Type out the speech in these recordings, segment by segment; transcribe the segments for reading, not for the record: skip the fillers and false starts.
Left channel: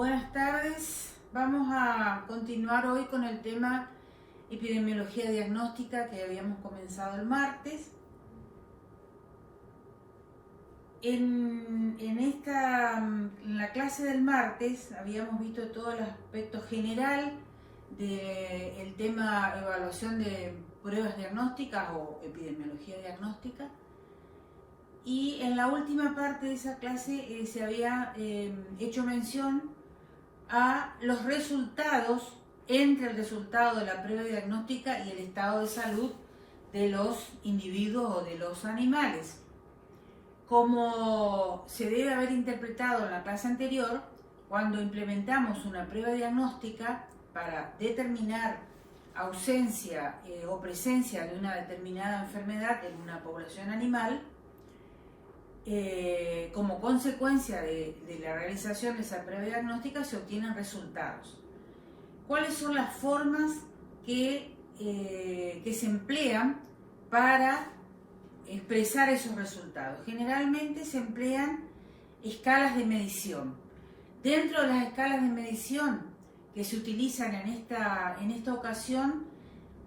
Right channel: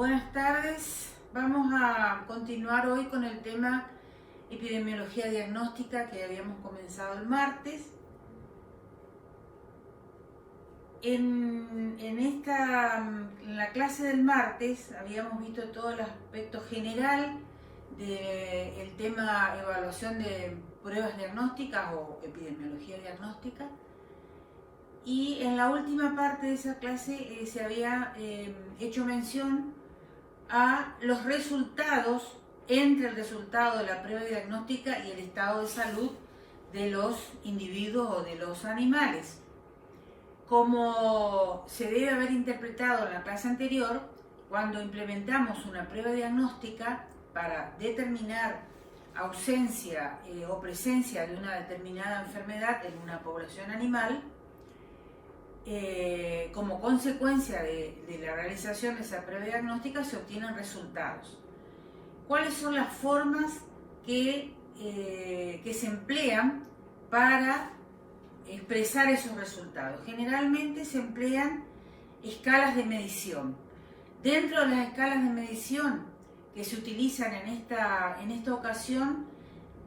Buenas tardes. Vamos a continuar hoy con el tema epidemiología diagnóstica que habíamos comenzado el martes. En la clase del martes habíamos visto todo el aspecto general del tema evaluación de pruebas diagnósticas o epidemiología diagnóstica. Y en la última parte de esa clase se había hecho mención a los resultados, entre el resultado de la prueba diagnóstica y el estado de salud de los individuos o de los animales. Como se debe haber interpretado en la clase anterior, cuando implementamos una prueba diagnóstica para determinar ausencia o presencia de una determinada enfermedad en una población animal, como consecuencia de la realización de esa prueba diagnóstica se obtienen resultados. ¿Cuáles son las formas que se emplean para expresar esos resultados? Generalmente se emplean escalas de medición. Dentro de las escalas de medición que se utilizan en esta ocasión,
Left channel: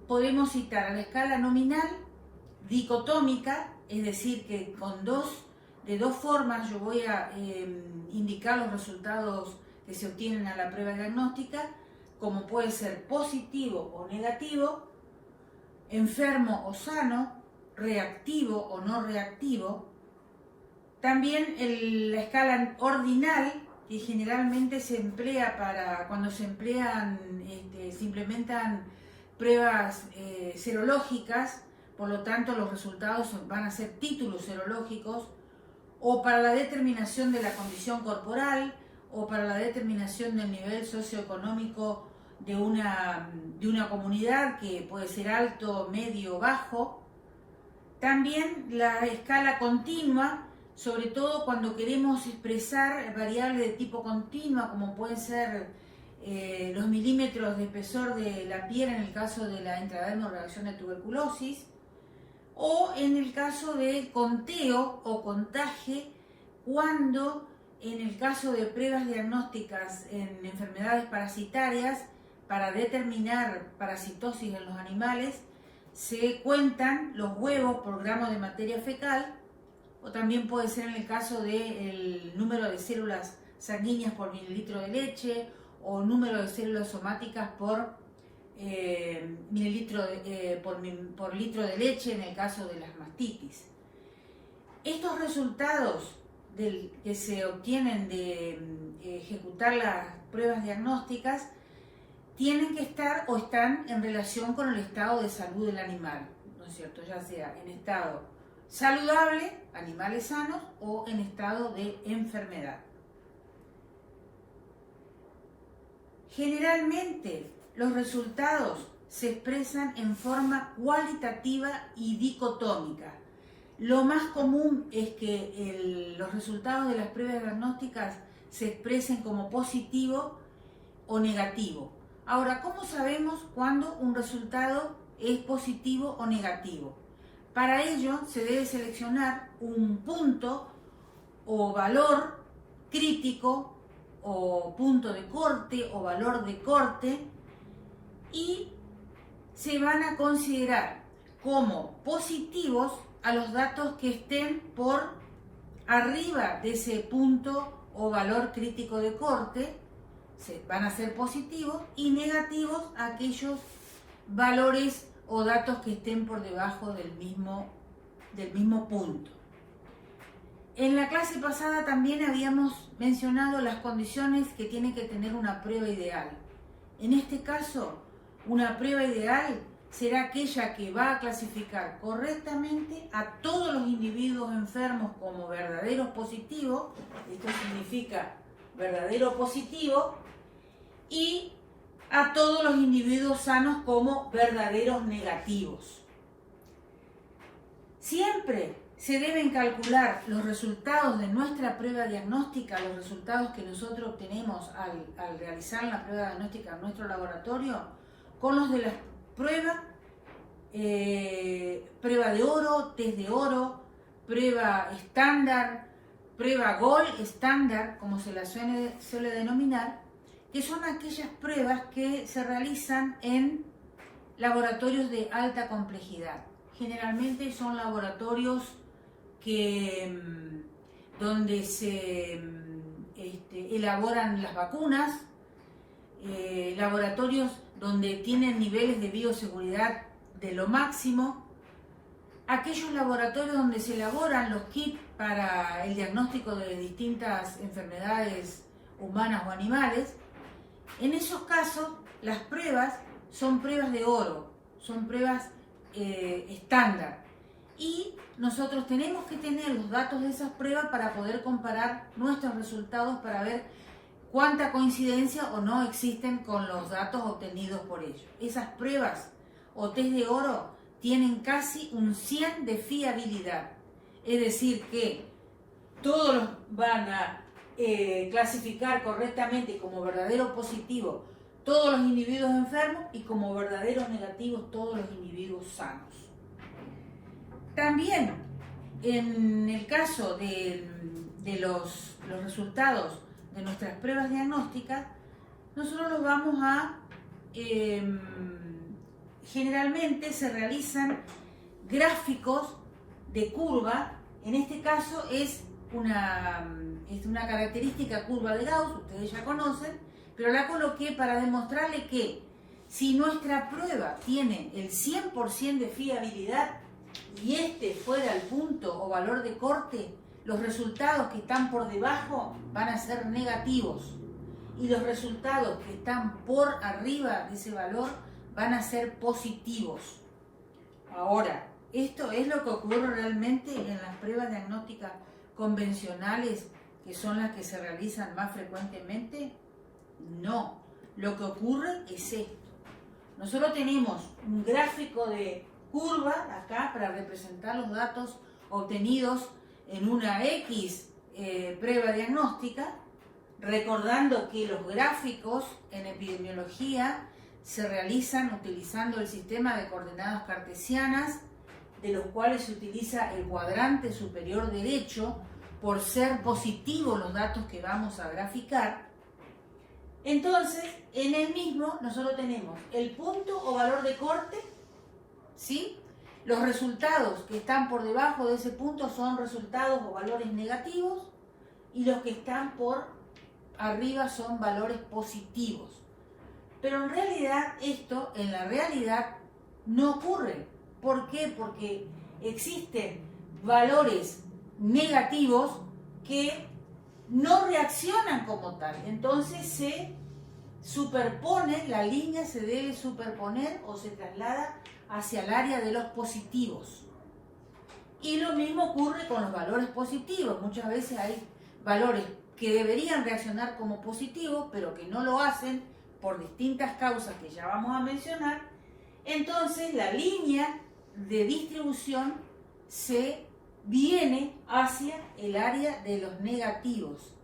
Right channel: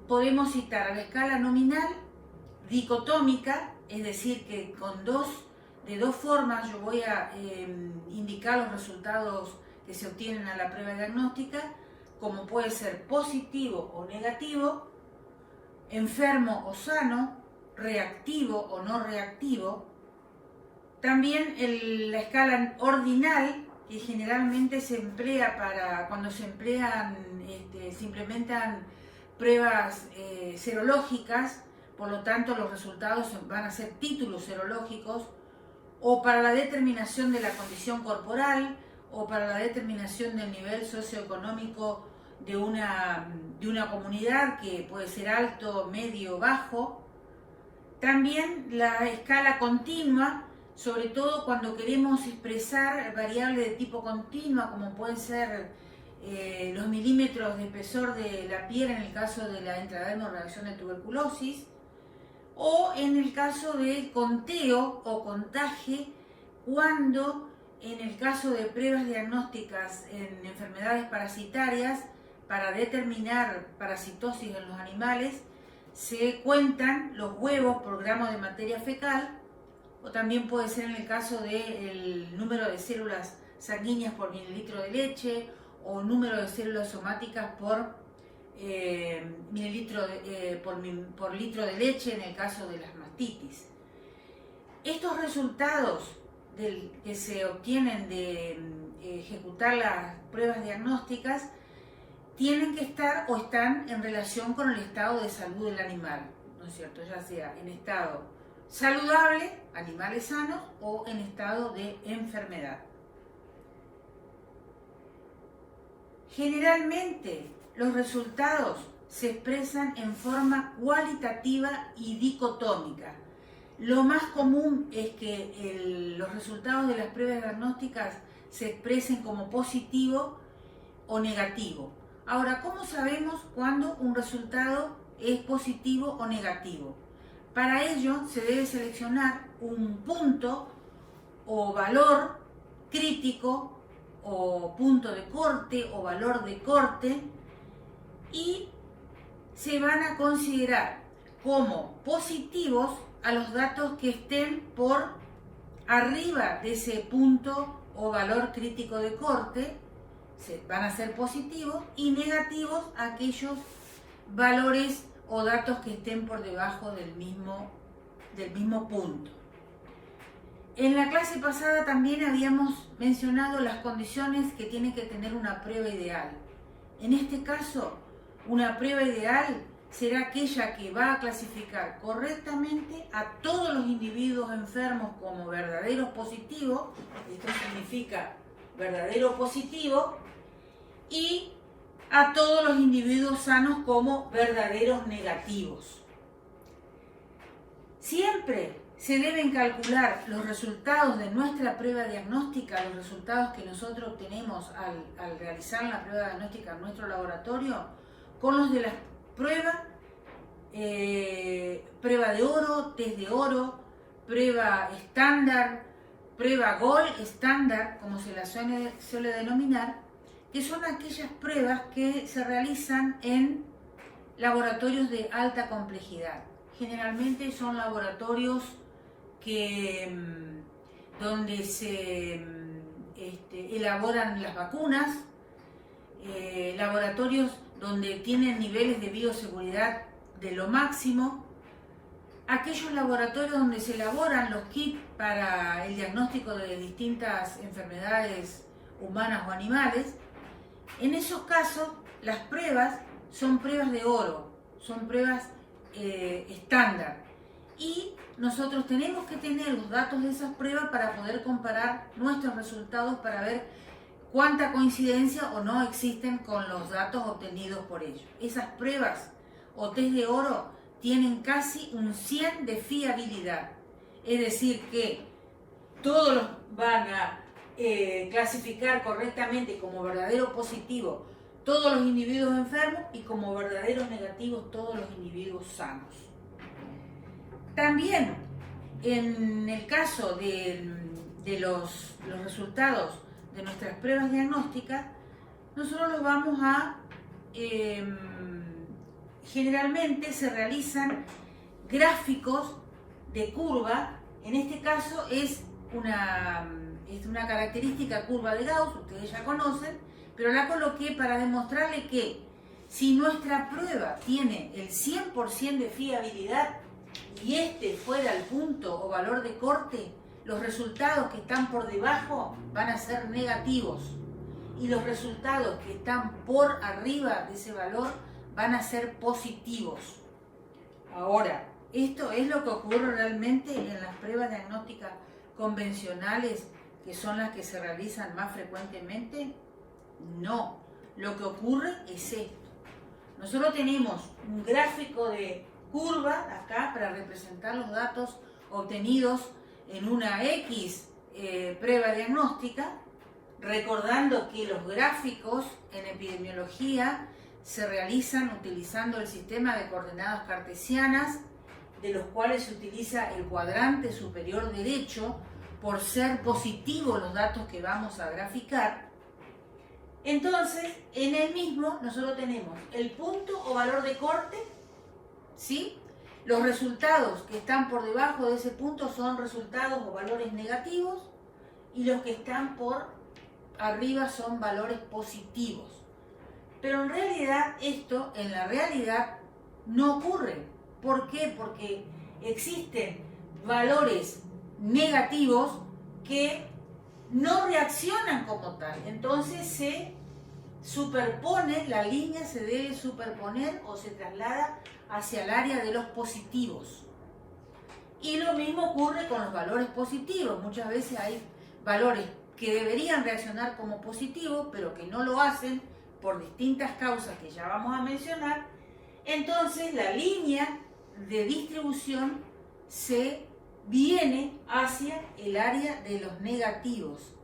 podemos citar a la escala nominal, dicotómica, es decir, que de dos formas yo voy a indicar los resultados que se obtienen a la prueba diagnóstica, como puede ser positivo o negativo, enfermo o sano, reactivo o no reactivo. También la escala ordinal, que generalmente se emplea cuando se implementan pruebas serológicas, por lo tanto los resultados van a ser títulos serológicos, o para la determinación de la condición corporal, o para la determinación del nivel socioeconómico de una comunidad, que puede ser alto, medio, bajo. También la escala continua, sobre todo cuando queremos expresar variables de tipo continua, como pueden ser los milímetros de espesor de la piel en el caso de la intradermal reacción de tuberculosis, o en el caso de conteo o contaje, cuando en el caso de pruebas diagnósticas en enfermedades parasitarias, para determinar parasitosis en los animales, se cuentan los huevos por gramo de materia fecal, o también puede ser en el caso del número de células sanguíneas por mililitro de leche, o número de células somáticas por por litro de leche en el caso de las mastitis. Estos resultados que se obtienen de ejecutar las pruebas diagnósticas tienen que estar o están en relación con el estado de salud del animal, ¿no es cierto? Ya sea en estado saludable, animales sanos, o en estado de enfermedad. Generalmente los resultados se expresan en forma cualitativa y dicotómica. Lo más común es que los resultados de las pruebas diagnósticas se expresen como positivo o negativo. Ahora, ¿cómo sabemos cuándo un resultado es positivo o negativo? Para ello se debe seleccionar un punto o valor crítico, o punto de corte o valor de corte, y se van a considerar como positivos a los datos que estén por arriba de ese punto o valor crítico de corte, van a ser positivos, y negativos a aquellos valores o datos que estén por debajo del mismo punto. En la clase pasada también habíamos mencionado las condiciones que tiene que tener una prueba ideal. En este caso, una prueba ideal será aquella que va a clasificar correctamente a todos los individuos enfermos como verdaderos positivos, esto significa verdadero positivo, y a todos los individuos sanos como verdaderos negativos. Siempre se deben calcular los resultados de nuestra prueba diagnóstica, los resultados que nosotros obtenemos al realizar la prueba diagnóstica en nuestro laboratorio, con los de las pruebas, prueba de oro, test de oro, prueba estándar, prueba Gold estándar, como se la suele denominar, que son aquellas pruebas que se realizan en laboratorios de alta complejidad. Generalmente son laboratorios donde se elaboran las vacunas, laboratorios donde tienen niveles de bioseguridad de lo máximo, aquellos laboratorios donde se elaboran los kits para el diagnóstico de distintas enfermedades humanas o animales. En esos casos, las pruebas son pruebas de oro, son pruebas estándar. Y nosotros tenemos que tener los datos de esas pruebas para poder comparar nuestros resultados para ver cuánta coincidencia o no existen con los datos obtenidos por ellos. Esas pruebas o test de oro tienen casi un 100 de fiabilidad. Es decir, que todos los van a clasificar correctamente como verdadero positivo todos los individuos enfermos y como verdaderos negativos todos los individuos sanos. También en el caso de los resultados de nuestras pruebas diagnósticas, nosotros los vamos a generalmente se realizan gráficos de curva. En este caso es una característica curva de Gauss, ustedes ya conocen, pero la coloqué para demostrarle que si nuestra prueba tiene el 100% de fiabilidad y este fuera el punto o valor de corte, los resultados que están por debajo van a ser negativos y los resultados que están por arriba de ese valor van a ser positivos. Ahora, ¿esto es lo que ocurre realmente en las pruebas diagnósticas convencionales, que son las que se realizan más frecuentemente? No, lo que ocurre es esto. Nosotros tenemos un gráfico de curva acá para representar los datos obtenidos en una X prueba diagnóstica, recordando que los gráficos en epidemiología se realizan utilizando el sistema de coordenadas cartesianas, de los cuales se utiliza el cuadrante superior derecho por ser positivos los datos que vamos a graficar. Entonces, en el mismo nosotros tenemos el punto o valor de corte, ¿sí? Los resultados que están por debajo de ese punto son resultados o valores negativos y los que están por arriba son valores positivos. Pero en realidad esto, en la realidad, no ocurre. ¿Por qué? Porque existen valores negativos que no reaccionan como tal. Entonces se superpone, la línea se debe superponer o se traslada hacia el área de los positivos. Y lo mismo ocurre con los valores positivos. Muchas veces hay valores que deberían reaccionar como positivos, pero que no lo hacen por distintas causas que ya vamos a mencionar. Entonces la línea de distribución se viene hacia el área de los negativos.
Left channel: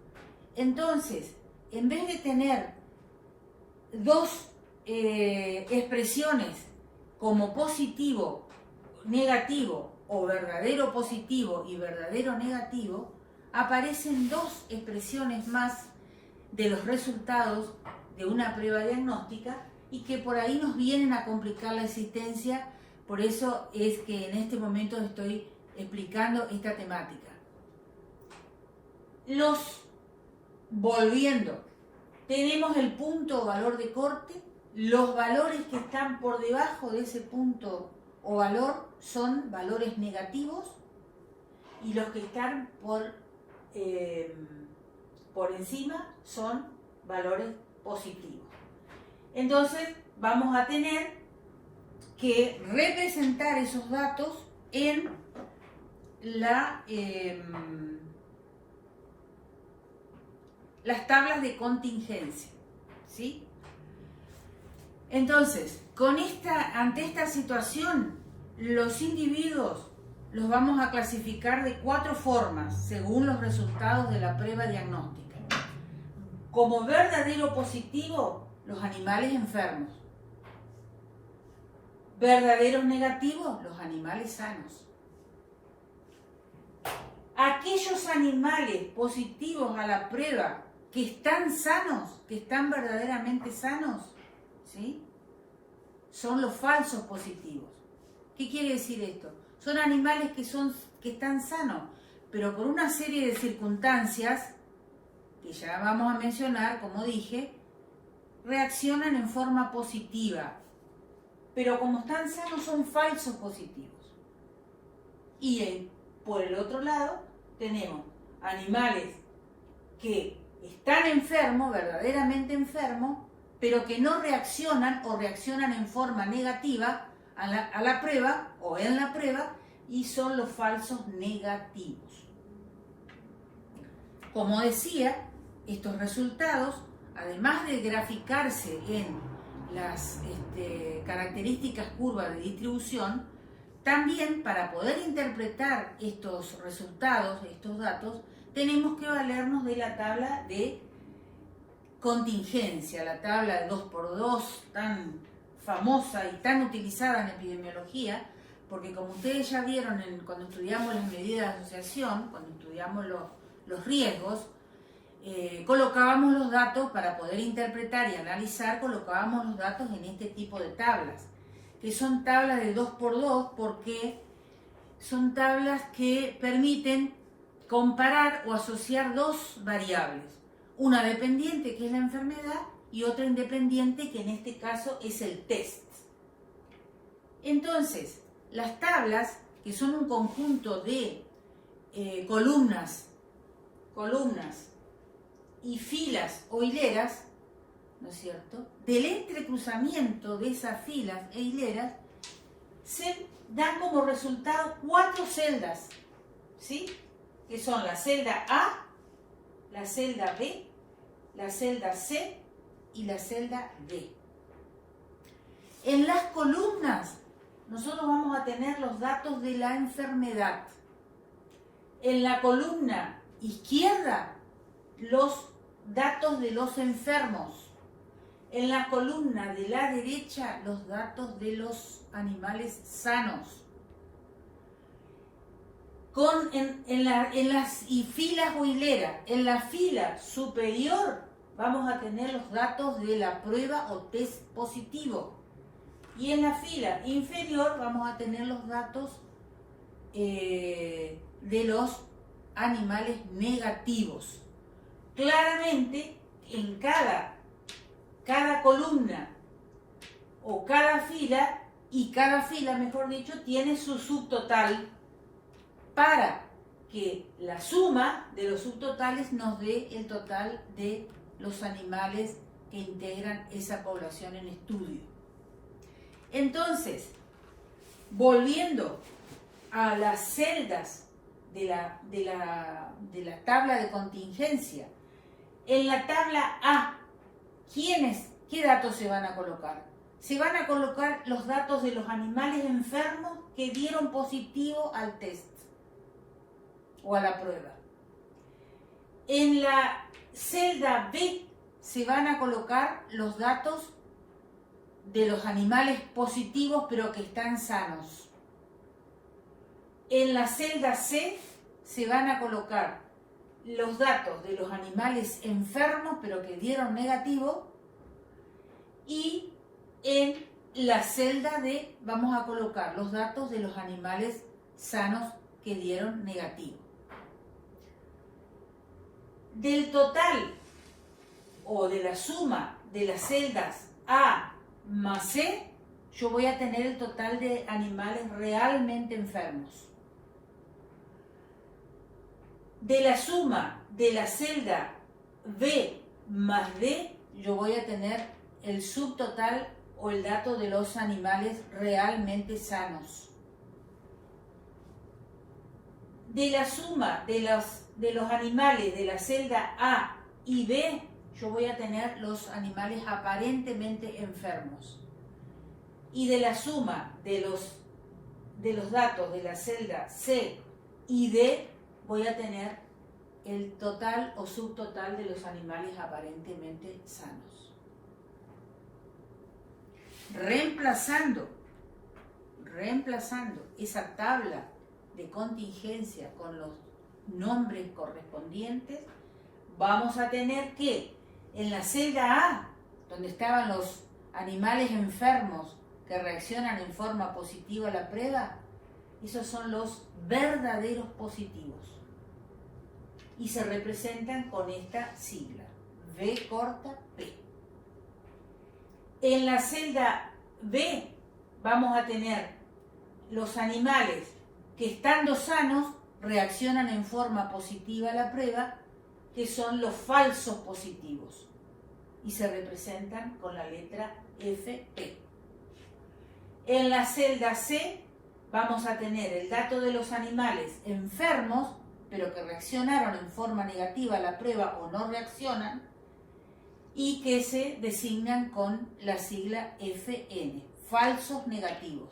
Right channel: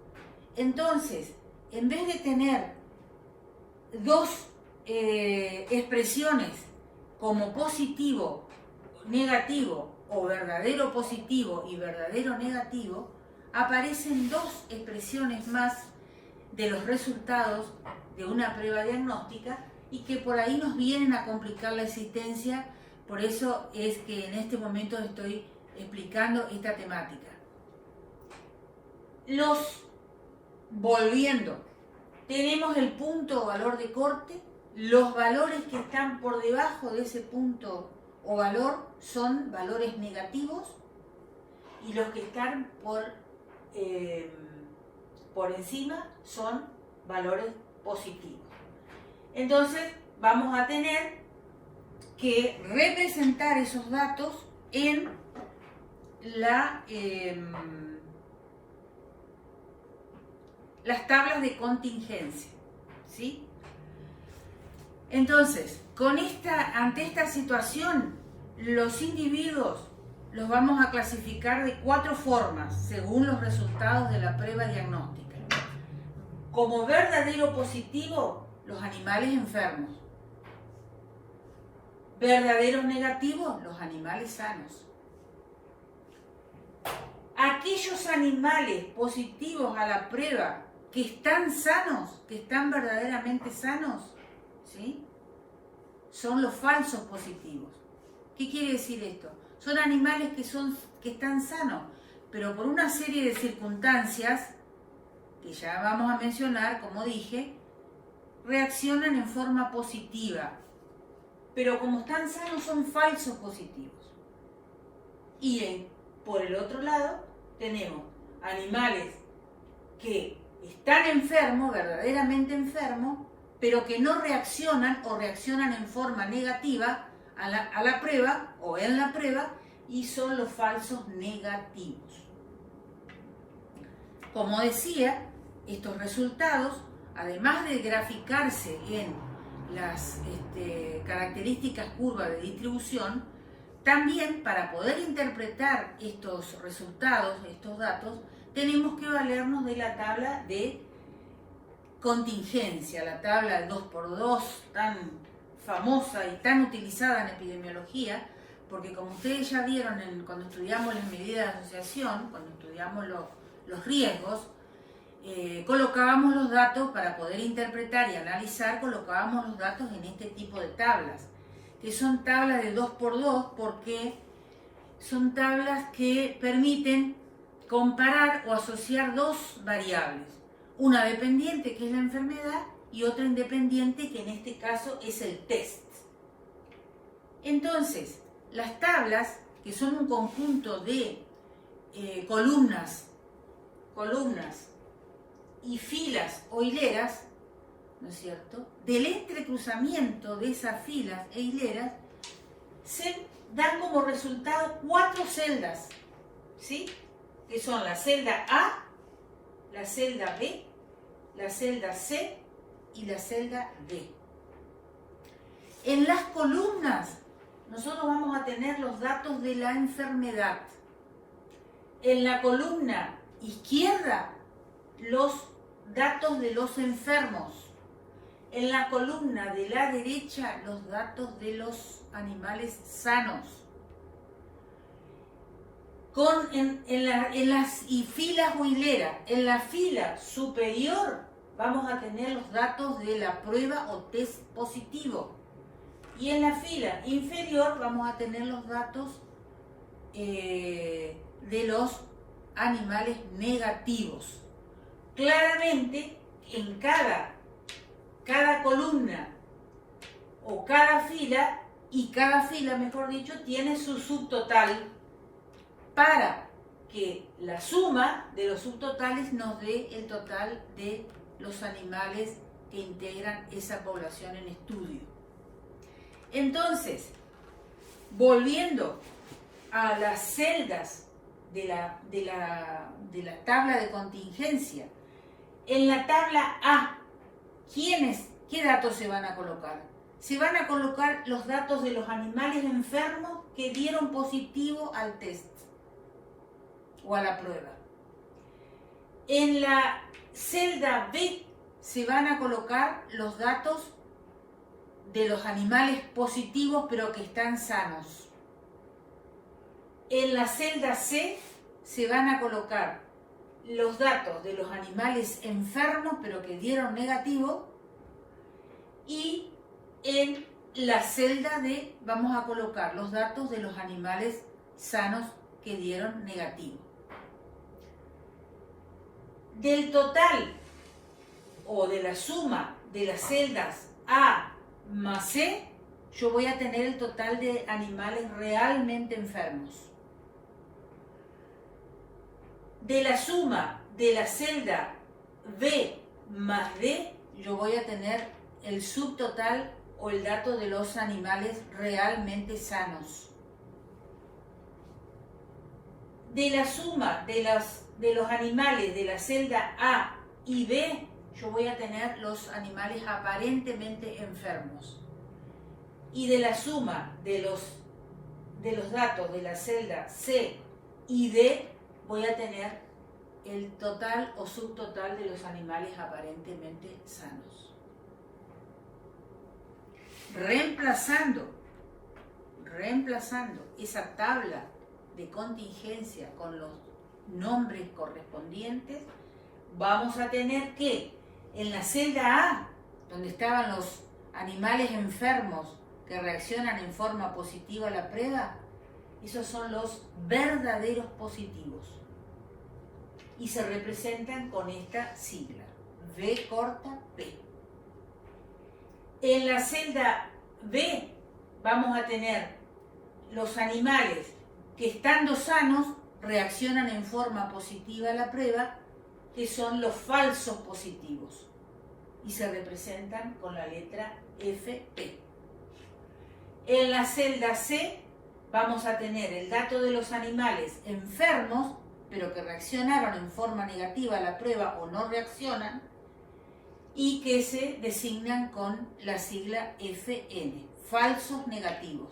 Entonces, en vez de tener dos expresiones como positivo, negativo o verdadero positivo y verdadero negativo, aparecen dos expresiones más de los resultados de una prueba diagnóstica y que por ahí nos vienen a complicar la existencia. Por eso es que en este momento estoy explicando esta temática. Volviendo, tenemos el punto o valor de corte. Los valores que están por debajo de ese punto o valor son valores negativos y los que están por encima son valores positivos. Entonces vamos a tener que representar esos datos en las tablas de contingencia, ¿sí? Entonces, ante esta situación, los individuos los vamos a clasificar de 4 formas, según los resultados de la prueba diagnóstica. Como verdadero positivo, los animales enfermos. Verdaderos negativos, los animales sanos. aquellos animales positivos a la prueba que están sanos, que están verdaderamente sanos, ¿sí? Son los falsos positivos. ¿Qué quiere decir esto? Son animales que están sanos, pero por una serie de circunstancias, que ya vamos a mencionar, como dije, reaccionan en forma positiva. Pero como están sanos, son falsos positivos. Y por el otro lado, tenemos animales que están enfermos, verdaderamente enfermos, pero que no reaccionan o reaccionan en forma negativa a la prueba o en la prueba, y son los falsos negativos. Como decía, estos resultados, además de graficarse en las características curvas de distribución, también para poder interpretar estos resultados, estos datos, tenemos que valernos de la tabla de contingencia, la tabla de 2×2, tan famosa y tan utilizada en epidemiología, porque como ustedes ya vieron cuando estudiamos las medidas de asociación, cuando estudiamos los riesgos, colocábamos los datos para poder interpretar y analizar, colocábamos los datos en este tipo de tablas, que son tablas de 2×2 porque son tablas que permiten comparar o asociar dos variables, una dependiente que es la enfermedad y otra independiente que en este caso es el test. Entonces, las tablas, que son un conjunto de columnas y filas o hileras, ¿no es cierto?, del entrecruzamiento de esas filas e hileras, se dan como resultado 4 celdas, ¿sí?, que son la celda A, la celda B, la celda C y la celda D. En las columnas nosotros vamos a tener los datos de la enfermedad. En la columna izquierda, los datos de los enfermos. En la columna de la derecha, los datos de los animales sanos. En las filas o hileras, en la fila superior vamos a tener los datos de la prueba o test positivo. Y en la fila inferior vamos a tener los datos de los animales negativos. Claramente, en cada columna o cada fila, mejor dicho, tiene su subtotal para que la suma de los subtotales nos dé el total de los animales que integran esa población en estudio. Entonces, volviendo a las celdas de la tabla de contingencia, en la tabla A, ¿qué datos se van a colocar? Se van a colocar los datos de los animales enfermos que dieron positivo al test o a la prueba. En la celda B se van a colocar los datos de los animales positivos pero que están sanos. En la celda C se van a colocar los datos de los animales enfermos pero que dieron negativo, y en la celda D vamos a colocar los datos de los animales sanos que dieron negativo. Del total o de la suma de las celdas A más C, yo voy a tener el total de animales realmente enfermos. De la suma de la celda B más D, yo voy a tener el subtotal o el dato de los animales realmente sanos. De la suma de los animales de la celda A y B, yo voy a tener los animales aparentemente enfermos. Y de la suma de los datos de la celda C y D, voy a tener el total o subtotal de los animales aparentemente sanos. Reemplazando esa tabla de contingencia con los nombres correspondientes, vamos a tener que en la celda A, donde estaban los animales enfermos que reaccionan en forma positiva a la prueba, esos son los verdaderos positivos y se representan con esta sigla, V corta P. En la celda B vamos a tener los animales que estando sanos reaccionan en forma positiva a la prueba, que son los falsos positivos y se representan con la letra FP. En la celda C vamos a tener el dato de los animales enfermos, pero que reaccionaron en forma negativa a la prueba o no reaccionan, y que se designan con la sigla FN, falsos negativos.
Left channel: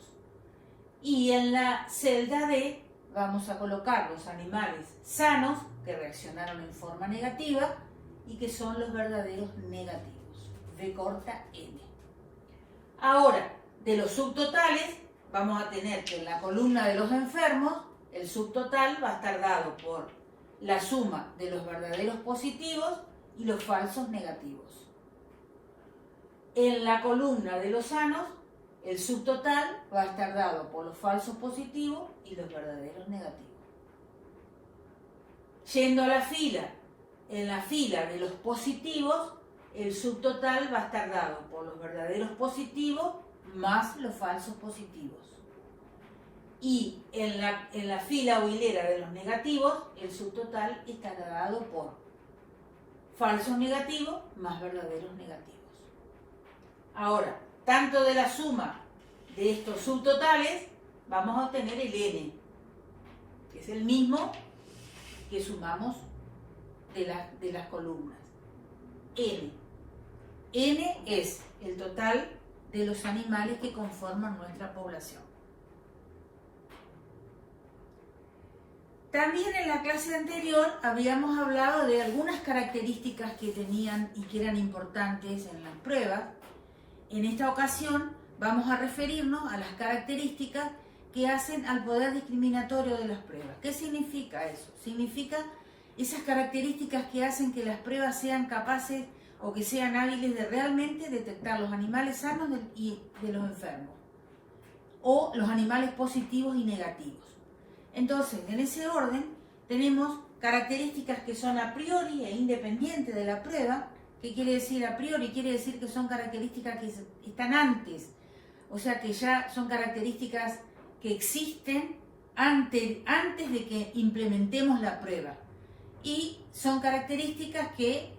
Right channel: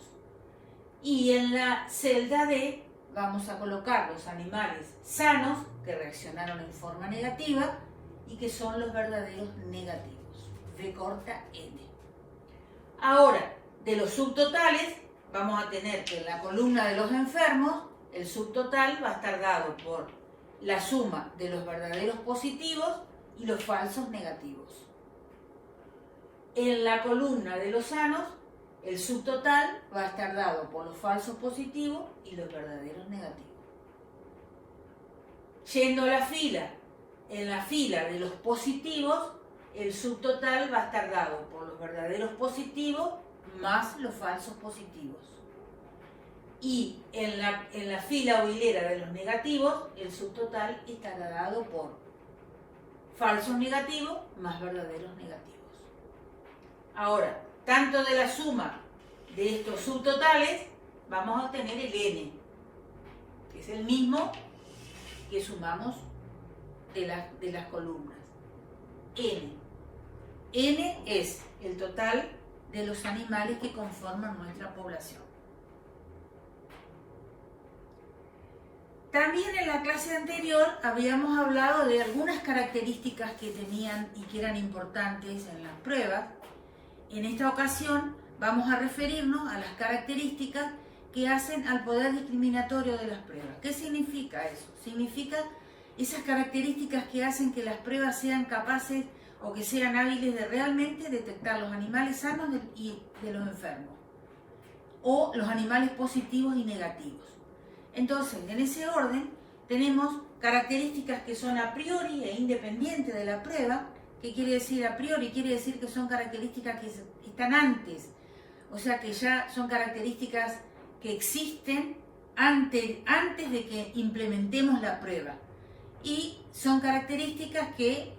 Y en la celda D vamos a colocar los animales sanos que reaccionaron en forma negativa y que son los verdaderos negativos, V corta N. Ahora, de los subtotales, vamos a tener que en la columna de los enfermos, el subtotal va a estar dado por la suma de los verdaderos positivos y los falsos negativos. En la columna de los sanos, el subtotal va a estar dado por los falsos positivos y los verdaderos negativos. Yendo a la fila, en la fila de los positivos, el subtotal va a estar dado por los verdaderos positivos más los falsos positivos. Y en la fila o hilera de los negativos, el subtotal estará dado por falsos negativos más verdaderos negativos. Ahora, tanto de la suma de estos subtotales, vamos a obtener el N, que es el mismo que sumamos de las columnas. N. N es el total de los animales que conforman nuestra población. También en la clase anterior habíamos hablado de algunas características que tenían y que eran importantes en las pruebas. En esta ocasión vamos a referirnos a las características que hacen al poder discriminatorio de las pruebas. ¿Qué significa eso? Significa esas características que hacen que las pruebas sean capaces o que sean hábiles de realmente detectar los animales sanos y de los enfermos, o los animales positivos y negativos. Entonces, en ese orden, tenemos características que son a priori e independientes de la prueba. ¿Qué quiere decir a priori? Quiere decir que son características que están antes, o sea que ya son características que existen antes de que implementemos la prueba. Y son características que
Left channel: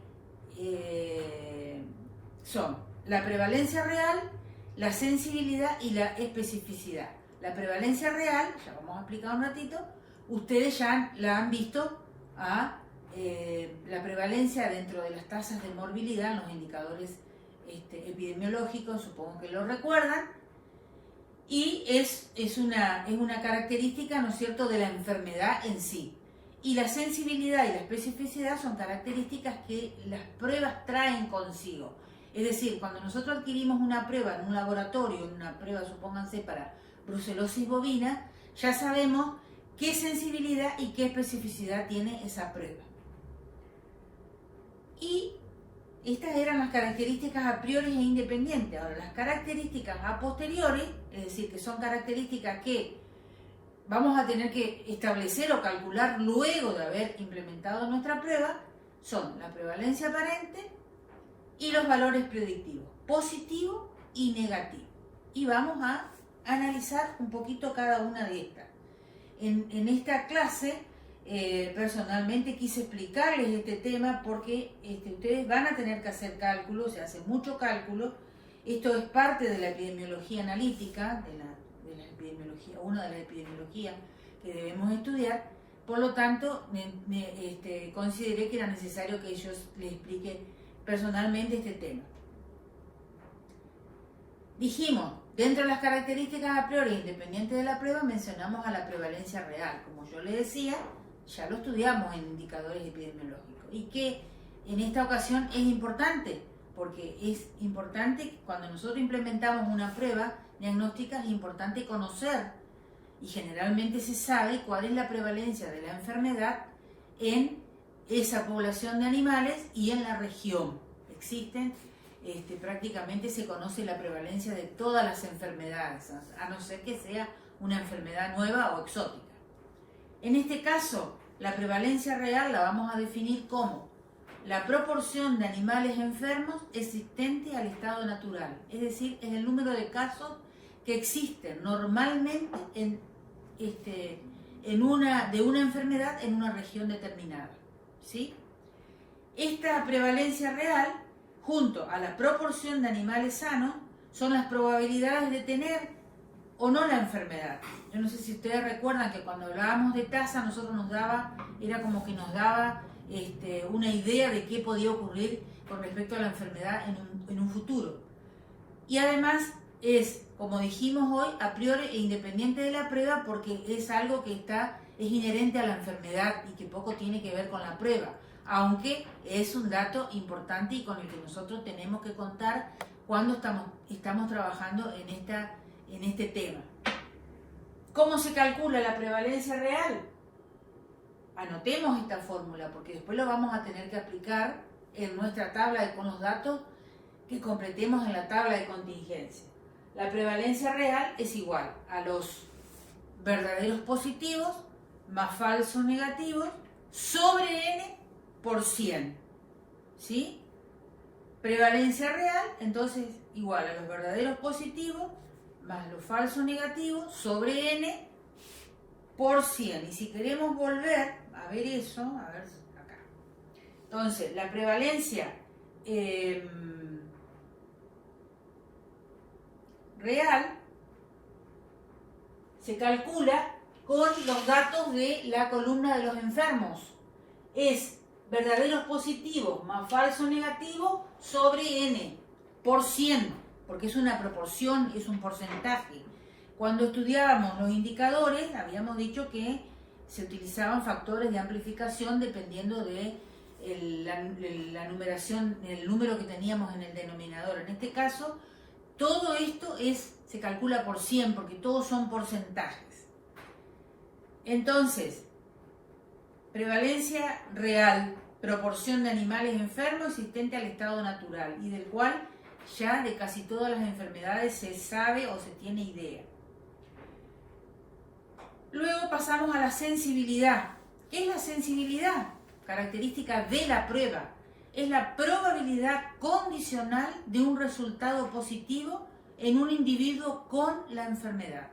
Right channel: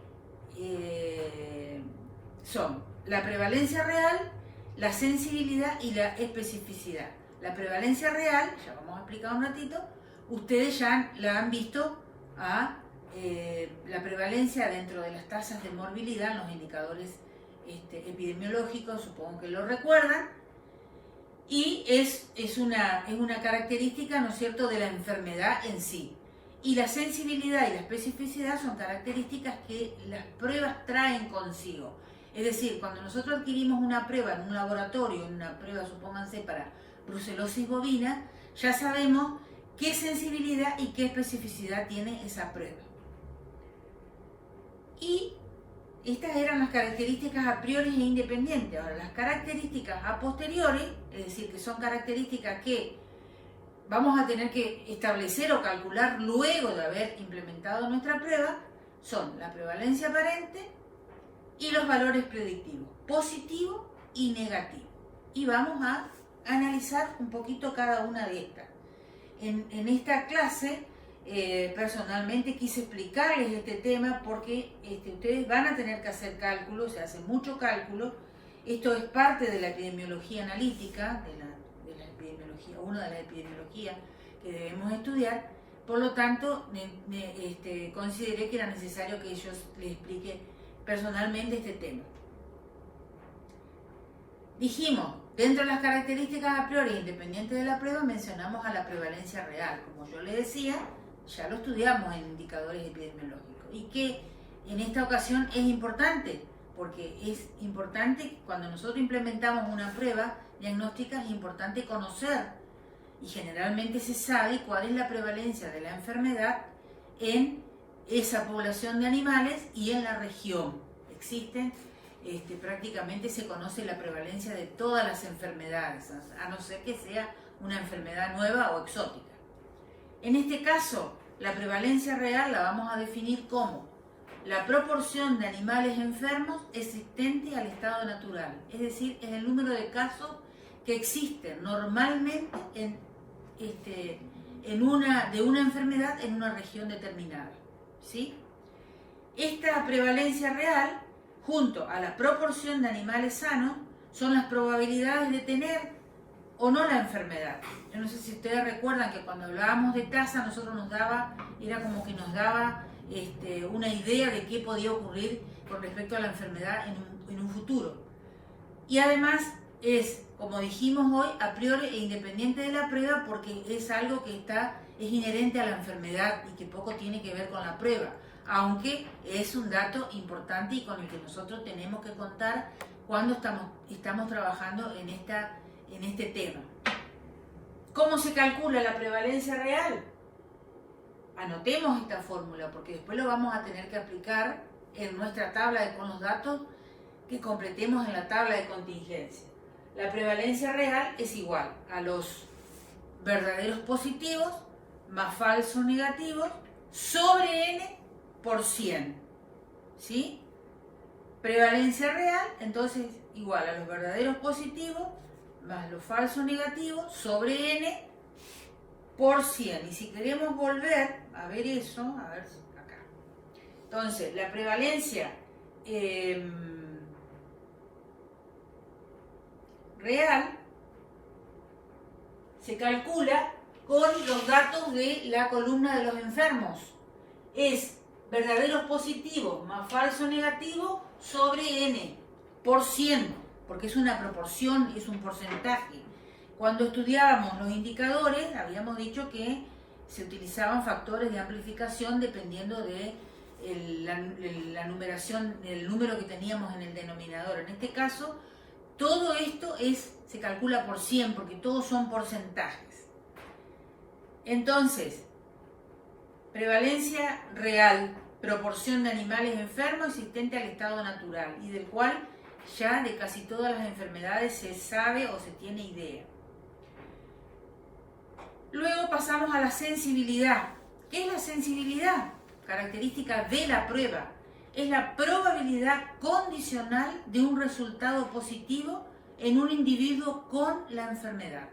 son la prevalencia real, la sensibilidad y la especificidad. La prevalencia real, ya vamos a explicar un ratito, ustedes ya la han visto a la prevalencia dentro de las tasas de morbilidad, los indicadores epidemiológicos, supongo que lo recuerdan, y es una característica, ¿no es cierto?, de la enfermedad en sí. Y la sensibilidad y la especificidad son características que las pruebas traen consigo. Es decir, cuando nosotros adquirimos una prueba en un laboratorio, en una prueba, supónganse, para brucelosis bovina, ya sabemos qué sensibilidad y qué especificidad tiene esa prueba. Y estas eran las características a priori e independientes. Ahora, las características a posteriori, es decir, que son características que vamos a tener que establecer o calcular luego de haber implementado nuestra prueba, son la prevalencia aparente y los valores predictivos, positivo y negativo. Y vamos a analizar un poquito cada una de estas. En esta clase, personalmente quise explicarles este tema porque ustedes van a tener que hacer cálculos, se hace mucho cálculo. Esto es parte de la epidemiología analítica, de la epidemiología, una de las epidemiologías que debemos estudiar. Por lo tanto, consideré que era necesario que yo les explique personalmente este tema. Dijimos, dentro de las características a priori independientes de la prueba, mencionamos a la prevalencia real. Como yo les decía, ya lo estudiamos en indicadores epidemiológicos. Y que en esta ocasión es importante, porque es importante cuando nosotros implementamos una prueba diagnóstica, es importante conocer, y generalmente se sabe cuál es la prevalencia de la enfermedad en esa población de animales y en la región. Existen, prácticamente se conoce la prevalencia de todas las enfermedades, a no ser que sea una enfermedad nueva o exótica. En este caso, la prevalencia real la vamos a definir como la proporción de animales enfermos existente al estado natural, es decir, es el número de casos que existen normalmente de una enfermedad en una región determinada, ¿sí? Esta prevalencia real, junto a la proporción de animales sanos, son las probabilidades de tener o no la enfermedad. Yo no sé si ustedes recuerdan que cuando hablábamos de tasa, nosotros era como que nos daba una idea de qué podía ocurrir con respecto a la enfermedad en un futuro. Y además es, como dijimos hoy, a priori e independiente de la prueba, porque es algo que es inherente a la enfermedad y que poco tiene que ver con la prueba, aunque es un dato importante y con el que nosotros tenemos que contar cuando estamos trabajando en este tema. ¿Cómo se calcula la prevalencia real? Anotemos esta fórmula porque después lo vamos a tener que aplicar en nuestra tabla con los datos que completemos en la tabla de contingencia. La prevalencia real es igual a los verdaderos positivos más falsos negativos sobre n por 100. ¿Sí? Prevalencia real, entonces, igual a los verdaderos positivos más los falsos negativos sobre n por 100. Y si queremos volver a ver eso, a ver acá. Entonces, la prevalencia real se calcula con los datos de la columna de los enfermos. Es verdaderos positivos más falso negativo sobre n por 100, porque es una proporción, es un porcentaje. Cuando estudiábamos los indicadores, habíamos dicho que se utilizaban factores de amplificación dependiendo de la numeración, el número que teníamos en el denominador. En este caso, todo esto se calcula por 100 porque todos son porcentajes. Entonces, prevalencia real, proporción de animales enfermos existente al estado natural y del cual ya de casi todas las enfermedades se sabe o se tiene idea. Luego pasamos a la sensibilidad. ¿Qué es la sensibilidad? Característica de la prueba. Es la probabilidad condicional de un resultado positivo en un individuo con la enfermedad.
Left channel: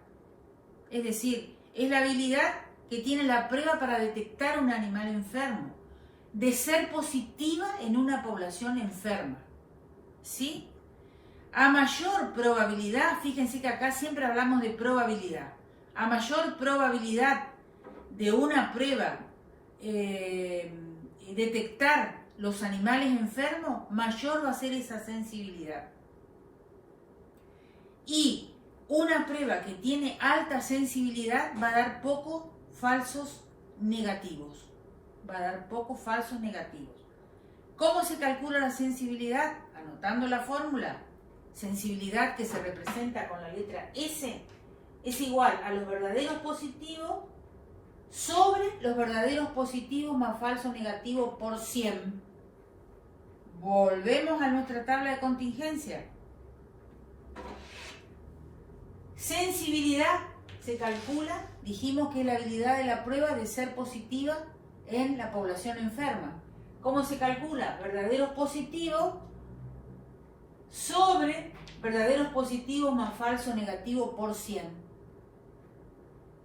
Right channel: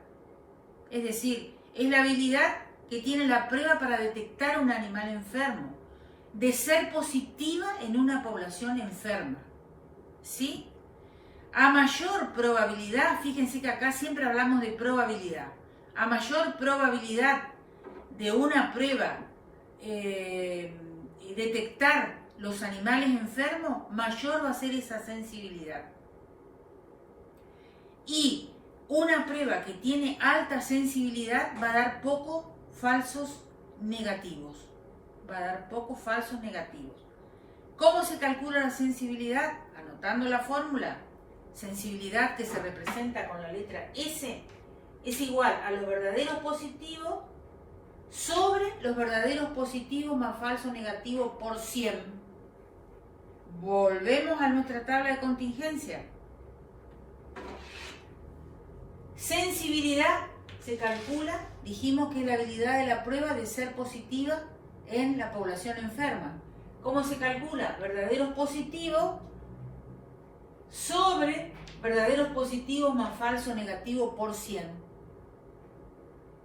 Es decir, es la habilidad que tiene la prueba para detectar un animal enfermo, de ser positiva en una población enferma. ¿Sí? A mayor probabilidad, fíjense que acá siempre hablamos de probabilidad, a mayor probabilidad de una prueba detectar los animales enfermos, mayor va a ser esa sensibilidad. Y una prueba que tiene alta sensibilidad va a dar pocos falsos negativos. ¿Cómo se calcula la sensibilidad? Anotando la fórmula. Sensibilidad que se representa con la letra S es igual a los verdaderos positivos sobre los verdaderos positivos más falsos negativos por 100. Volvemos a nuestra tabla de contingencia. Sensibilidad se calcula, dijimos que es la habilidad de la prueba de ser positiva en la población enferma. ¿Cómo se calcula? Verdaderos positivos sobre verdaderos positivos más falso negativo por 100.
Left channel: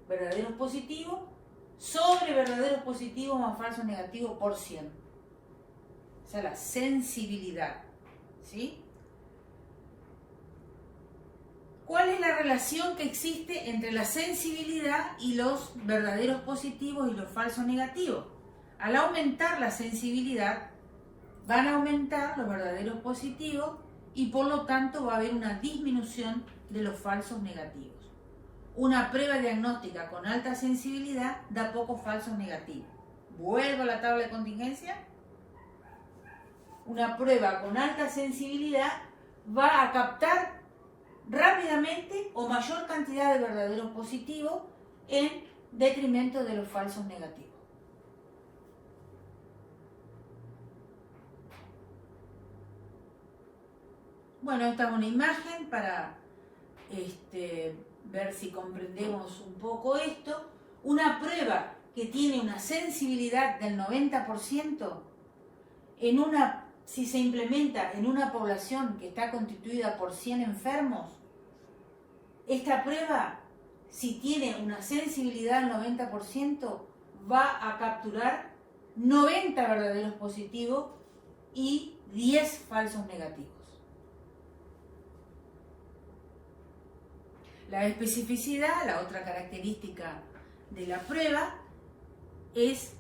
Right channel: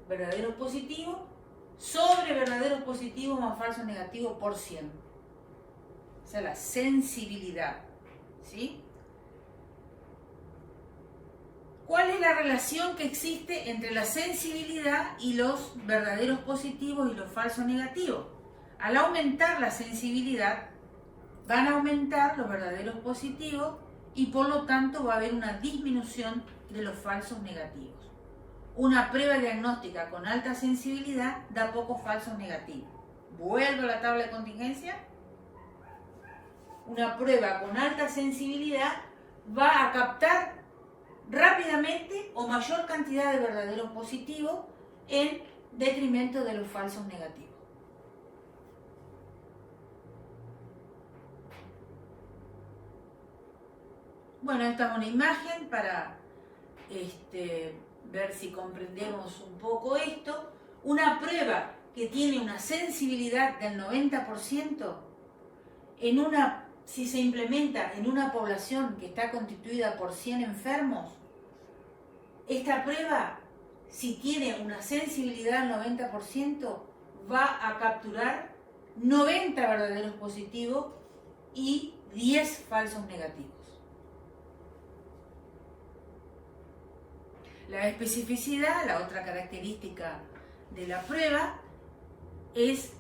Verdaderos positivos sobre verdaderos positivos más falso negativo por 100. Esa es la sensibilidad. ¿Sí? ¿Cuál es la relación que existe entre la sensibilidad y los verdaderos positivos y los falsos negativos? Al aumentar la sensibilidad, van a aumentar los verdaderos positivos y por lo tanto va a haber una disminución de los falsos negativos. Una prueba diagnóstica con alta sensibilidad da pocos falsos negativos. Vuelvo a la tabla de contingencia. Una prueba con alta sensibilidad va a captar rápidamente o mayor cantidad de verdaderos positivos en detrimento de los falsos negativos. Bueno, esta es una imagen para ver si comprendemos un poco esto. Una prueba que tiene una sensibilidad del 90%, si se implementa en una población que está constituida por 100 enfermos, esta prueba, si tiene una sensibilidad del 90%, va a capturar 90 verdaderos positivos y 10 falsos negativos. La especificidad, la otra característica de la prueba, es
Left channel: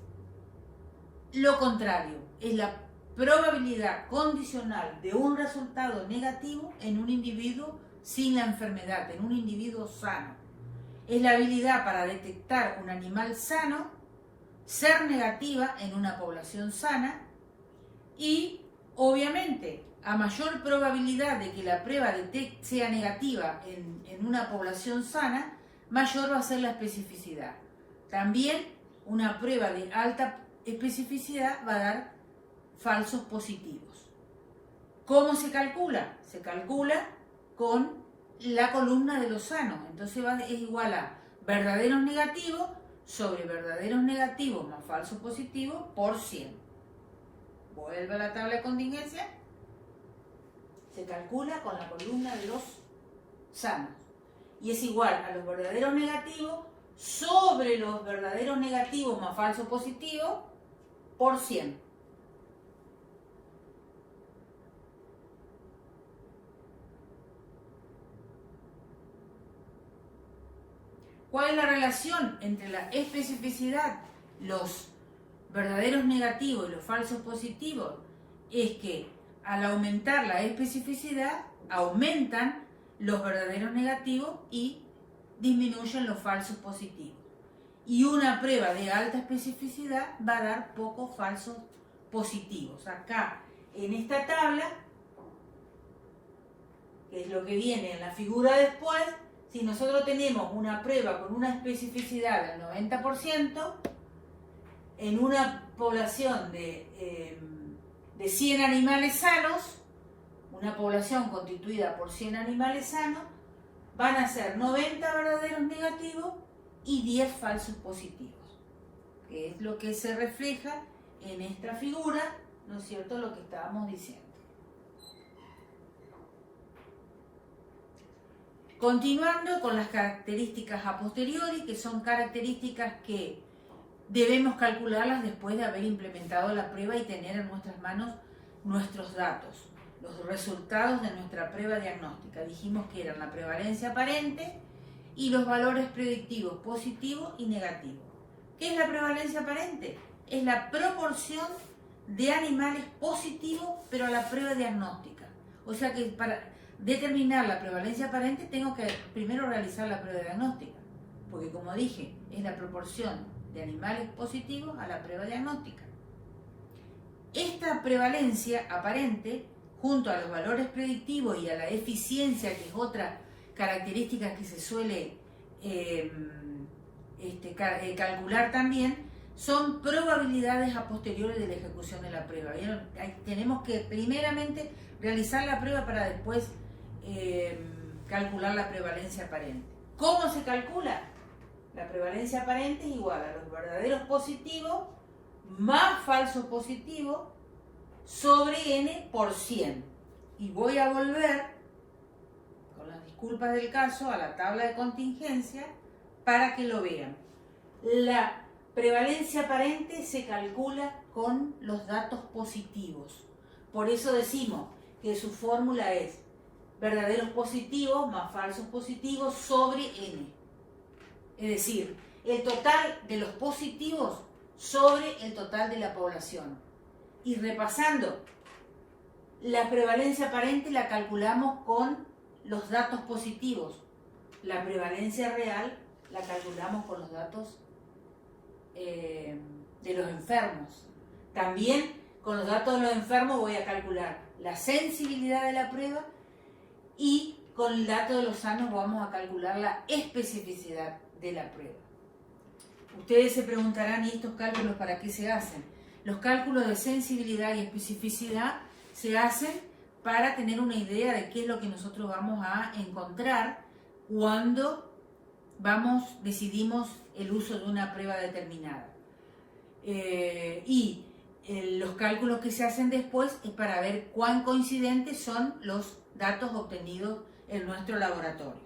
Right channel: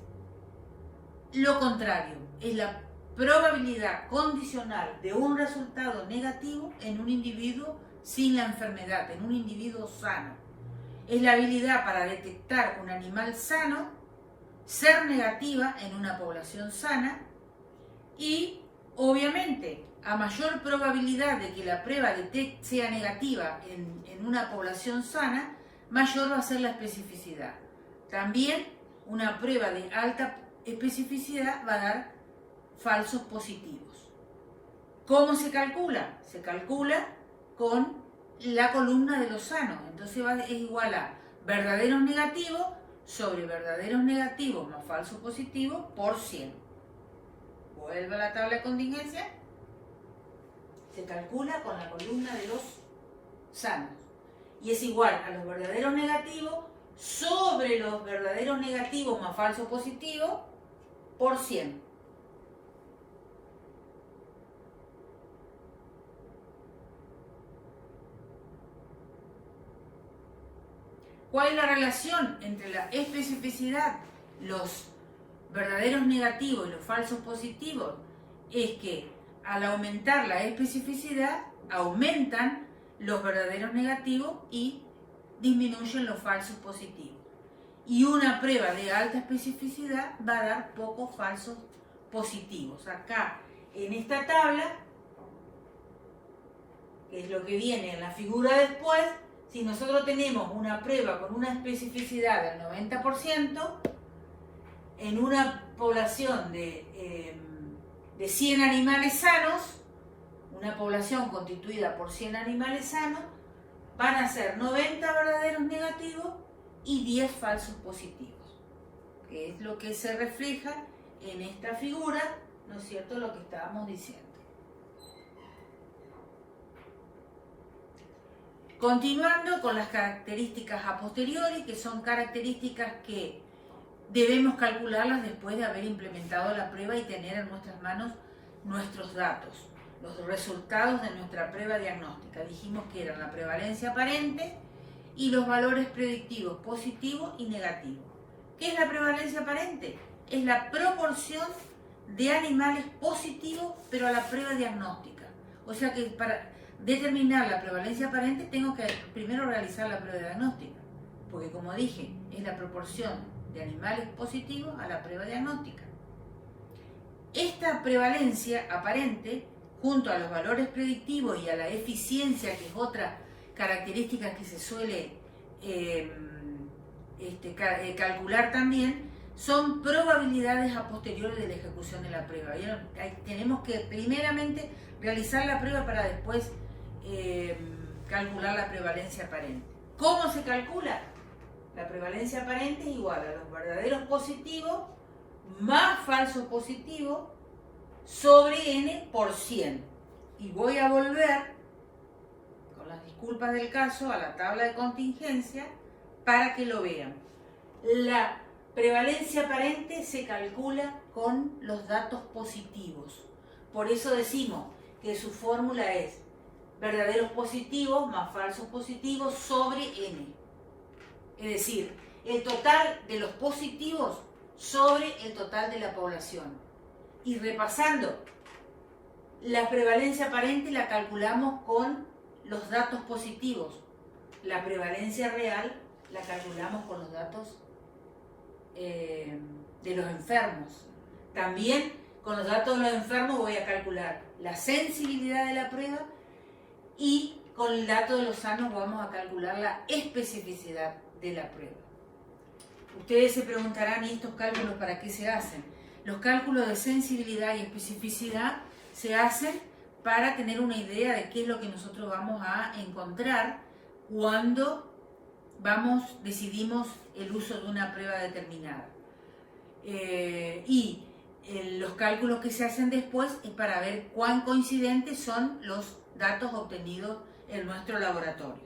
lo contrario, es la probabilidad condicional de un resultado negativo en un individuo sin la enfermedad, en un individuo sano. Es la habilidad para detectar un animal sano, ser negativa en una población sana y, obviamente, a mayor probabilidad de que la prueba sea negativa en una población sana, mayor va a ser la especificidad. También una prueba de alta especificidad va a dar falsos positivos. ¿Cómo se calcula? Se calcula con la columna de los sanos. Entonces es igual a verdaderos negativos sobre verdaderos negativos más falsos positivos por 100. Vuelve a la tabla de contingencia. Se calcula con la columna de los sanos. Y es igual a los verdaderos negativos sobre los verdaderos negativos más falsos positivos por 100. ¿Cuál es la relación entre la especificidad, los verdaderos negativos y los falsos positivos? Es que al aumentar la especificidad, aumentan los verdaderos negativos y disminuyen los falsos positivos. Y una prueba de alta especificidad va a dar pocos falsos positivos. Acá, en esta tabla, que es lo que viene en la figura después, si nosotros tenemos una prueba con una especificidad del 90%, en una población de 100 animales sanos, una población constituida por 100 animales sanos, van a ser 90 verdaderos negativos y 10 falsos positivos, que es lo que se refleja en esta figura, ¿no es cierto?, lo que estábamos diciendo. Continuando con las características a posteriori, que son características que debemos calcularlas después de haber implementado la prueba y tener en nuestras manos nuestros datos, los resultados de nuestra prueba diagnóstica. Dijimos que eran la prevalencia aparente y los valores predictivos positivos y negativos. ¿Qué es la prevalencia aparente? Es la proporción de animales positivos pero a la prueba diagnóstica. O sea que para determinar la prevalencia aparente tengo que primero realizar la prueba diagnóstica, porque como dije, es la proporción de animales positivos a la prueba diagnóstica. Esta prevalencia aparente, junto a los valores predictivos y a la eficiencia, que es otra característica que se suele calcular también, son probabilidades a posteriori de la ejecución de la prueba. Tenemos que primeramente realizar la prueba para después calcular la prevalencia aparente. ¿Cómo se calcula? La prevalencia aparente es igual a los verdaderos positivos más falsos positivos sobre n por 100. Y voy a volver, con las disculpas del caso, a la tabla de contingencia para que lo vean. La prevalencia aparente se calcula con los datos positivos. Por eso decimos que su fórmula es verdaderos positivos más falsos positivos sobre n. Es decir, el total de los positivos sobre el total de la población. Y repasando, la prevalencia aparente la calculamos con los datos positivos. La prevalencia real la calculamos con los datos de los enfermos. También con los datos de los enfermos voy a calcular la sensibilidad de la prueba y con el dato de los sanos vamos a calcular la especificidad de la prueba. Ustedes se preguntarán, ¿y estos cálculos para qué se hacen? Los cálculos de sensibilidad y especificidad se hacen para tener una idea de qué es lo que nosotros vamos a encontrar cuando decidimos el uso de una prueba determinada. Los cálculos que se hacen después es para ver cuán coincidentes son los datos obtenidos en nuestro laboratorio.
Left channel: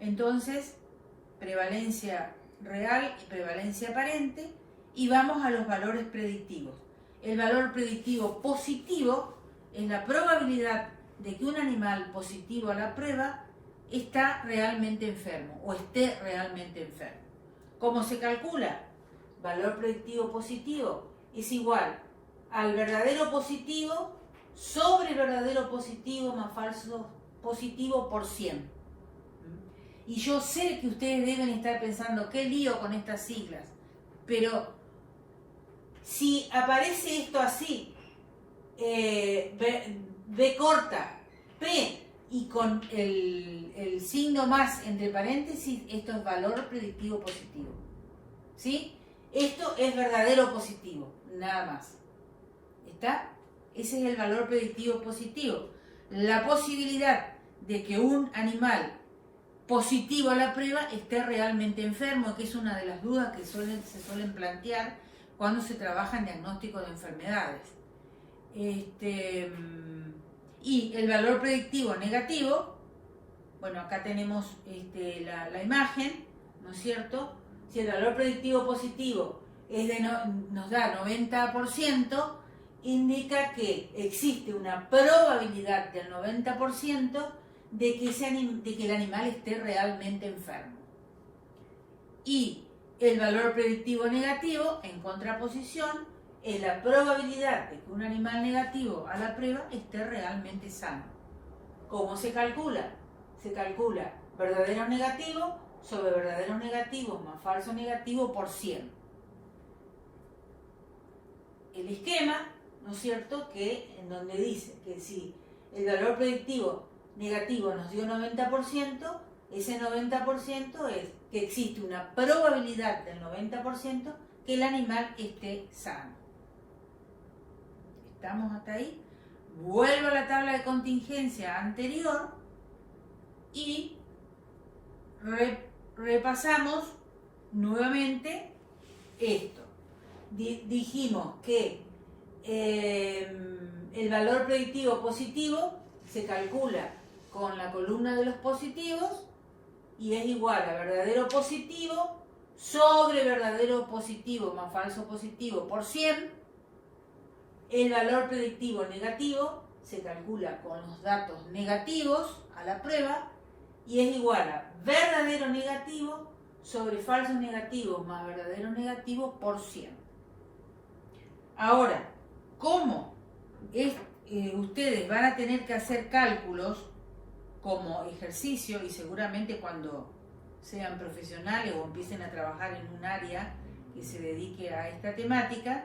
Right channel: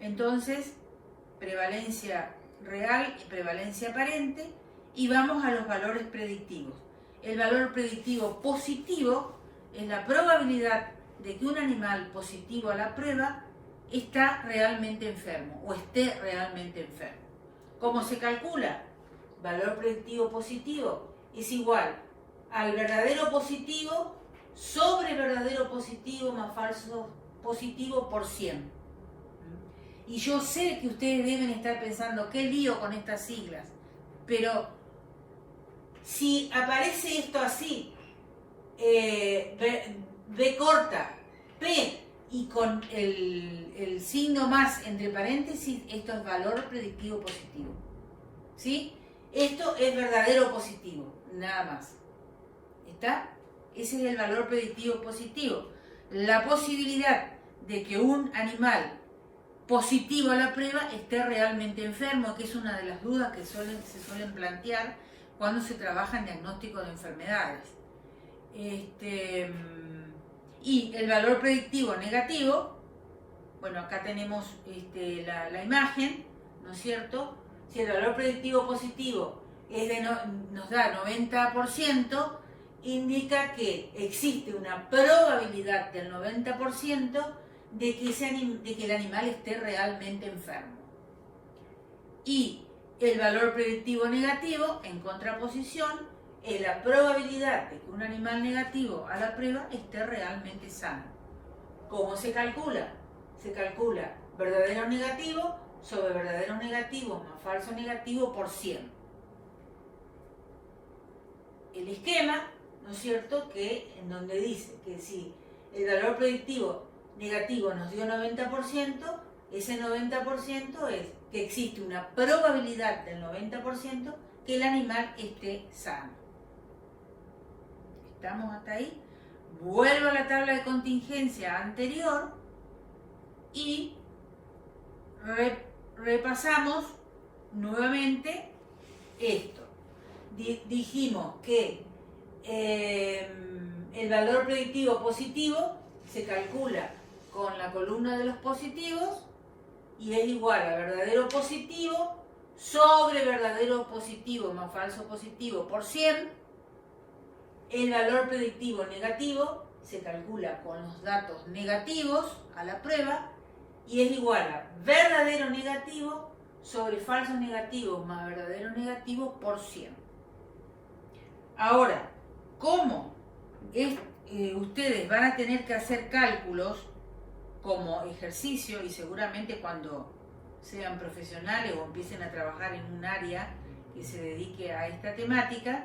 Entonces, prevalencia real y prevalencia aparente, y vamos a los valores predictivos. El valor predictivo positivo es la probabilidad de que un animal positivo a la prueba está realmente enfermo o esté realmente enfermo. ¿Cómo se calcula? Valor predictivo positivo es igual al verdadero positivo sobre verdadero positivo más falso positivo por 100. Y yo sé que ustedes deben estar pensando, qué lío con estas siglas, pero si aparece esto así, B corta, P y con el signo más entre paréntesis, esto es valor predictivo positivo. ¿Sí? Esto es verdadero positivo, nada más. ¿Está? Ese es el valor predictivo positivo. La posibilidad de que un animal positivo a la prueba esté realmente enfermo, que es una de las dudas que se suelen plantear cuando se trabaja en diagnóstico de enfermedades. Y el valor predictivo negativo, bueno, acá tenemos la imagen, ¿no es cierto? Si el valor predictivo positivo nos da 90%, indica que existe una probabilidad del 90% de que el animal esté realmente enfermo. Y el valor predictivo negativo, en contraposición, es la probabilidad de que un animal negativo a la prueba esté realmente sano. ¿Cómo se calcula? Se calcula verdadero negativo sobre verdadero negativo más falso negativo por 100. El esquema, ¿no es cierto?, en donde dice que si el valor predictivo negativo nos dio 90%, ese 90% es que existe una probabilidad del 90% que el animal esté sano. ¿Estamos hasta ahí? Vuelvo a la tabla de contingencia anterior y repasamos nuevamente esto. Dijimos que el valor predictivo positivo se calcula con la columna de los positivos y es igual a verdadero positivo sobre verdadero positivo más falso positivo por 100. El valor predictivo negativo se calcula con los datos negativos a la prueba y es igual a verdadero negativo sobre falso negativo más verdadero negativo por 100. Ahora, ¿cómo ustedes van a tener que hacer cálculos como ejercicio y seguramente cuando sean profesionales o empiecen a trabajar en un área que se dedique a esta temática?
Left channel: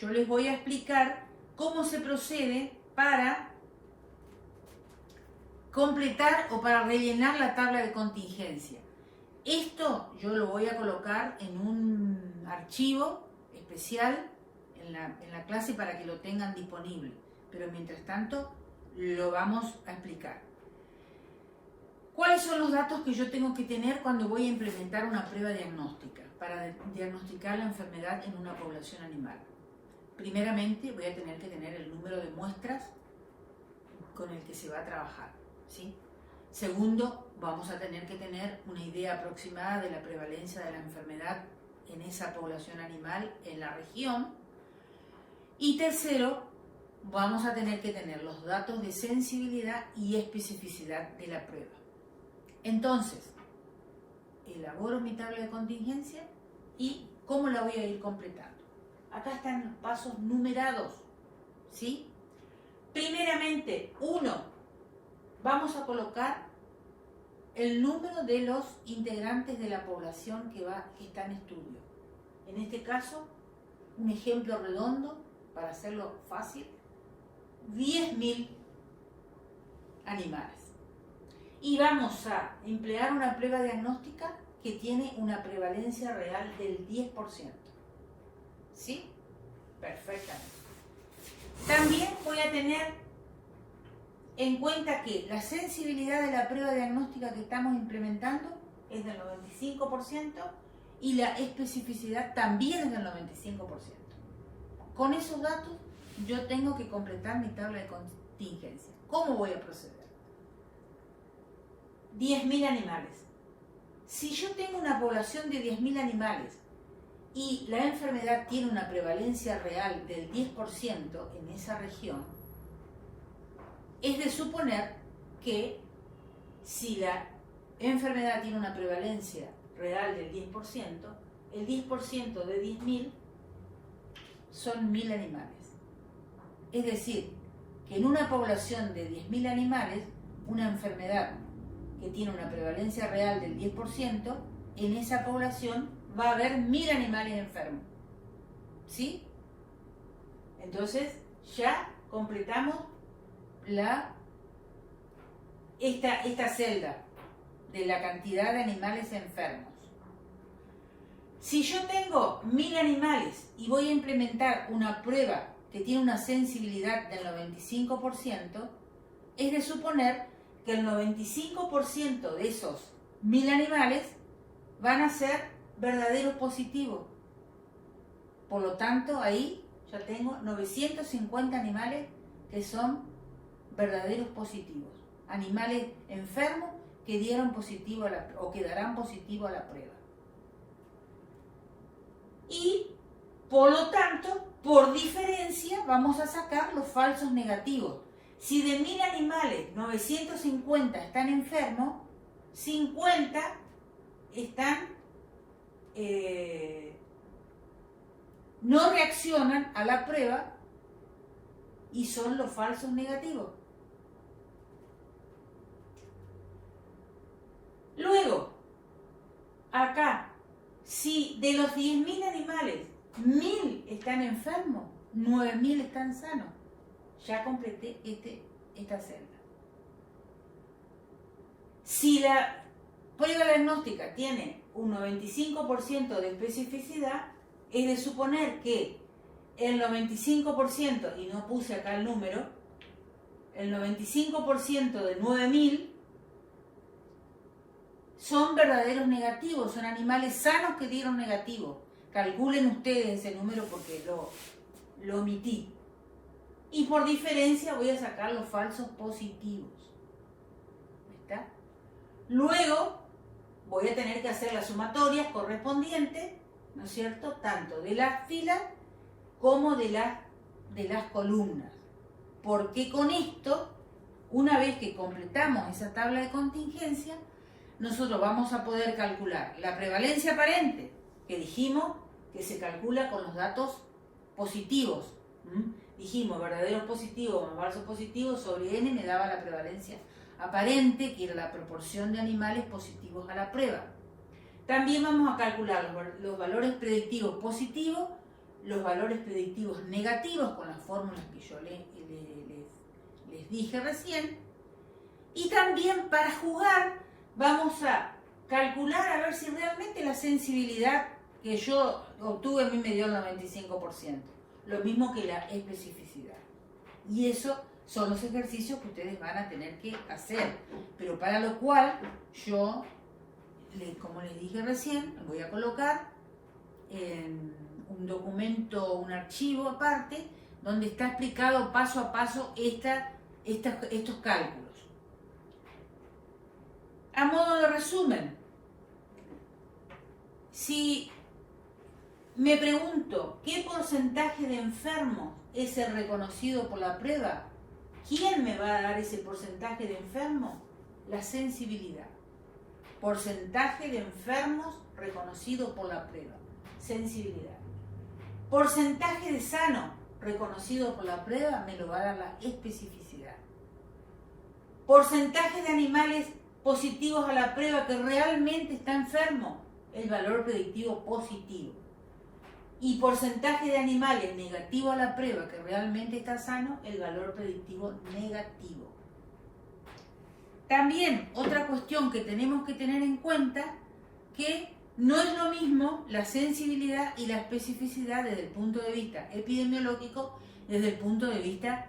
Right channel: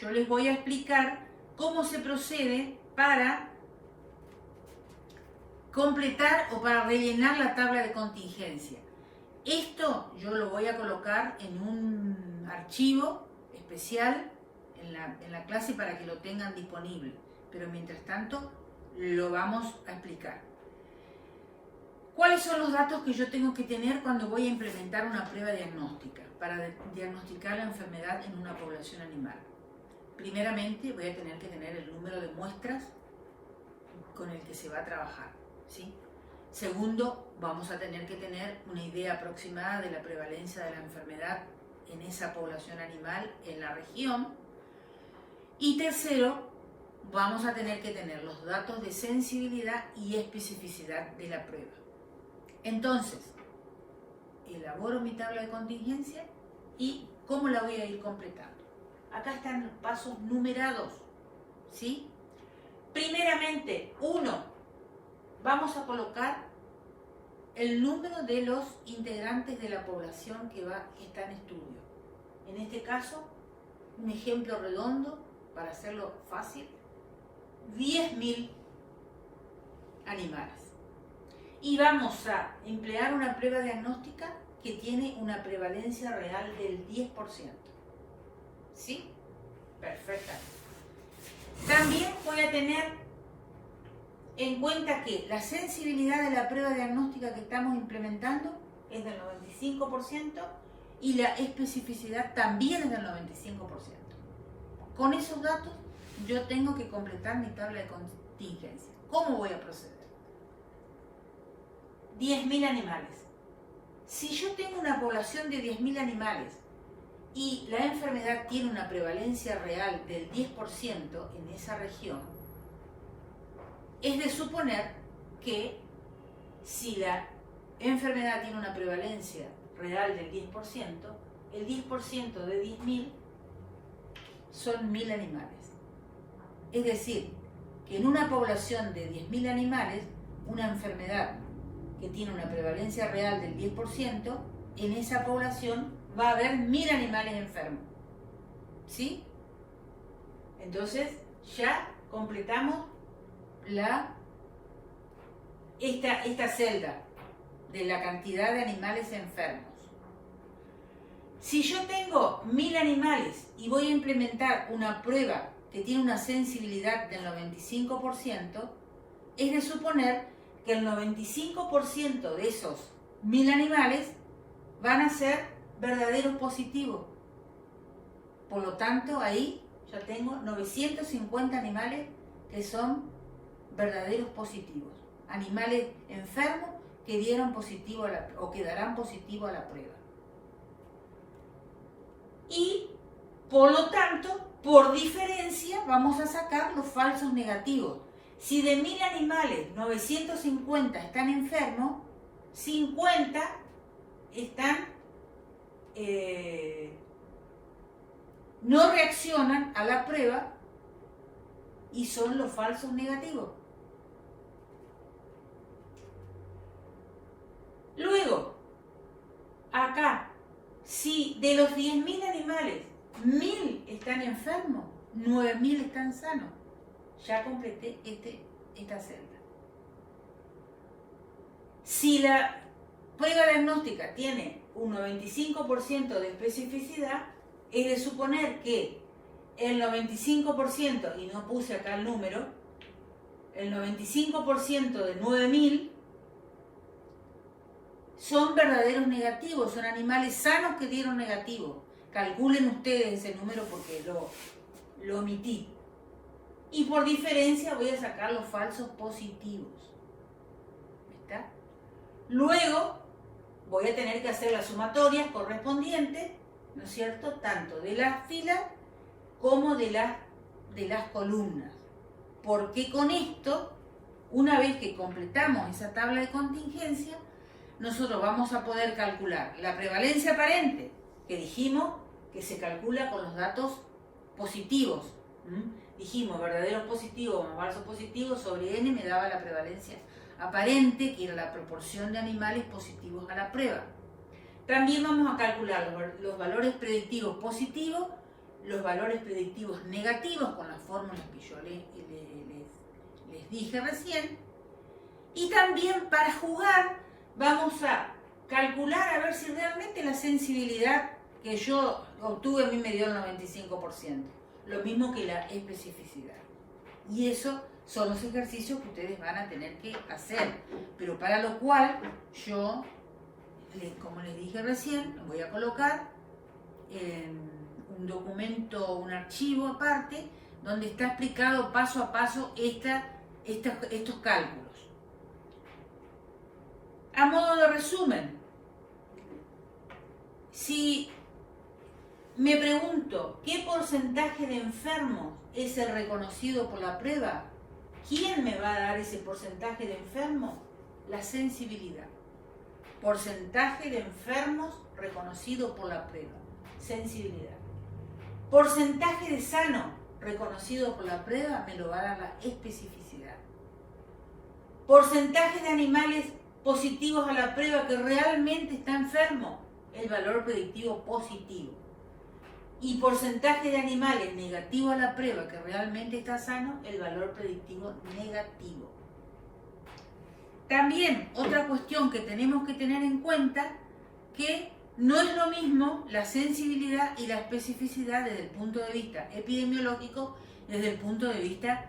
Yo les voy a explicar cómo se procede para completar o para rellenar la tabla de contingencia. Esto yo lo voy a colocar en un archivo especial en la clase para que lo tengan disponible, pero mientras tanto lo vamos a explicar. ¿Cuáles son los datos que yo tengo que tener cuando voy a implementar una prueba diagnóstica para diagnosticar la enfermedad en una población animal? Primeramente voy a tener que tener el número de muestras con el que se va a trabajar, ¿sí? Segundo, vamos a tener que tener una idea aproximada de la prevalencia de la enfermedad en esa población animal en la región. Y tercero, vamos a tener que tener los datos de sensibilidad y especificidad de la prueba. Entonces, elaboro mi tabla de contingencia y cómo la voy a ir completando. Acá están los pasos numerados, ¿sí? Primeramente, 1, vamos a colocar el número de los integrantes de la población que está en estudio. En este caso, un ejemplo redondo, para hacerlo fácil, 10.000 animales. Y vamos a emplear una prueba diagnóstica que tiene una prevalencia real del 10%. ¿Sí? Perfectamente. También voy a tener en cuenta que la sensibilidad de la prueba diagnóstica que estamos implementando es del 95% y la especificidad también es del 95%. Con esos datos yo tengo que completar mi tabla de contingencia. ¿Cómo voy a proceder? 10.000 animales. Si yo tengo una población de 10.000 animales y la enfermedad tiene una prevalencia real del 10% en esa región, es de suponer que si la enfermedad tiene una prevalencia real del 10%, el 10% de 10.000 son 1.000 animales. Es decir, que en una población de 10.000 animales, una enfermedad que tiene una prevalencia real del 10%, en esa población va a haber 1.000 animales enfermos. ¿Sí? Entonces, ya completamos esta celda de la cantidad de animales enfermos. Si yo tengo 1.000 animales y voy a implementar una prueba que tiene una sensibilidad del 95%, es de suponer que el 95% de esos 1.000 animales van a ser verdaderos positivos. Por lo tanto, ahí ya tengo 950 animales que son verdaderos positivos. Animales enfermos que dieron positivo o que darán positivo a la prueba. Y, por lo tanto, por diferencia, vamos a sacar los falsos negativos. Si de 1.000 animales, 950 están enfermos, 50 no reaccionan a la prueba y son los falsos negativos. Luego, acá, si de los 10.000 animales, 1.000 están enfermos, 9.000 están sanos. Ya completé esta celda. Si la prueba diagnóstica tiene un 95% de especificidad, es de suponer que el 95%, y no puse acá el número, el 95% de 9.000 son verdaderos negativos, son animales sanos que dieron negativo. Calculen ustedes ese número porque lo omití. Y por diferencia voy a sacar los falsos positivos. ¿Está? Luego voy a tener que hacer las sumatorias correspondientes, ¿no es cierto?, tanto de las filas como de las columnas. Porque con esto, una vez que completamos esa tabla de contingencia, nosotros vamos a poder calcular la prevalencia aparente, que dijimos que se calcula con los datos positivos. Dijimos verdaderos positivos o falsos positivos sobre n me daba la prevalencia aparente, que era la proporción de animales positivos a la prueba. También vamos a calcular los valores predictivos positivos, los valores predictivos negativos con las fórmulas que yo les dije recién. Y también para jugar vamos a calcular a ver si realmente la sensibilidad que yo obtuve a mí me dio el 95%. Lo mismo que la especificidad. Y eso son los ejercicios que ustedes van a tener que hacer. Pero para lo cual yo, como les dije recién, voy a colocar en un documento, un archivo aparte, donde está explicado paso a paso estos cálculos. A modo de resumen, si me pregunto qué porcentaje de enfermos es el reconocido por la prueba, ¿quién me va a dar ese porcentaje de enfermos? La sensibilidad. Porcentaje de enfermos reconocido por la prueba. Sensibilidad. Porcentaje de sanos reconocido por la prueba me lo va a dar la especificidad. Porcentaje de animales positivos a la prueba que realmente está enfermo, el valor predictivo positivo. Y porcentaje de animales negativo a la prueba que realmente está sano, el valor predictivo negativo. También otra cuestión que tenemos que tener en cuenta, que no es lo mismo la sensibilidad y la especificidad desde el punto de vista epidemiológico desde el punto de vista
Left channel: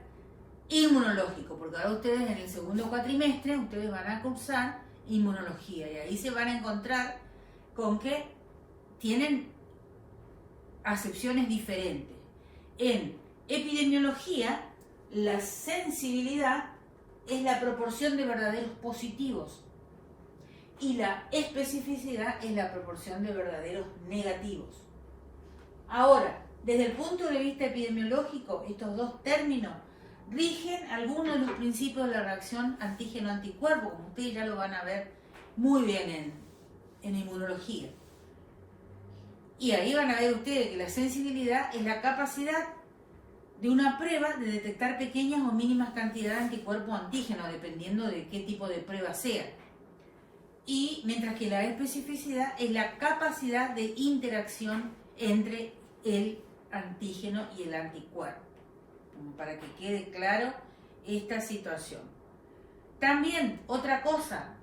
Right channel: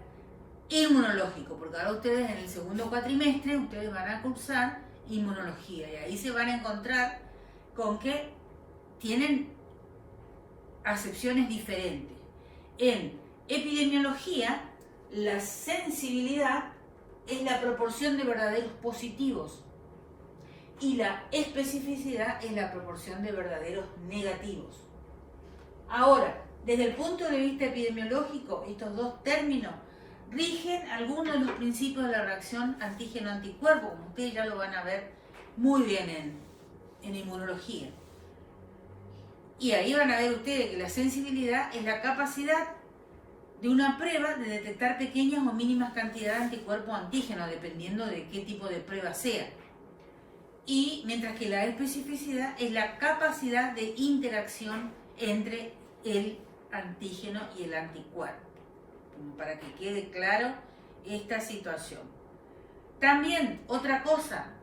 inmunológico, porque ahora ustedes en el segundo cuatrimestre, ustedes van a cursar inmunología y ahí se van a encontrar con que tienen acepciones diferentes. En epidemiología, la sensibilidad es la proporción de verdaderos positivos y la especificidad es la proporción de verdaderos negativos. Ahora, desde el punto de vista epidemiológico, estos dos términos rigen algunos de los principios de la reacción antígeno-anticuerpo, como ustedes ya lo van a ver muy bien en inmunología. Y ahí van a ver ustedes que la sensibilidad es la capacidad de una prueba de detectar pequeñas o mínimas cantidades de anticuerpos antígenos, dependiendo de qué tipo de prueba sea. Y mientras que la especificidad es la capacidad de interacción entre el antígeno y el anticuerpo, como para que quede claro esta situación. También otra cosa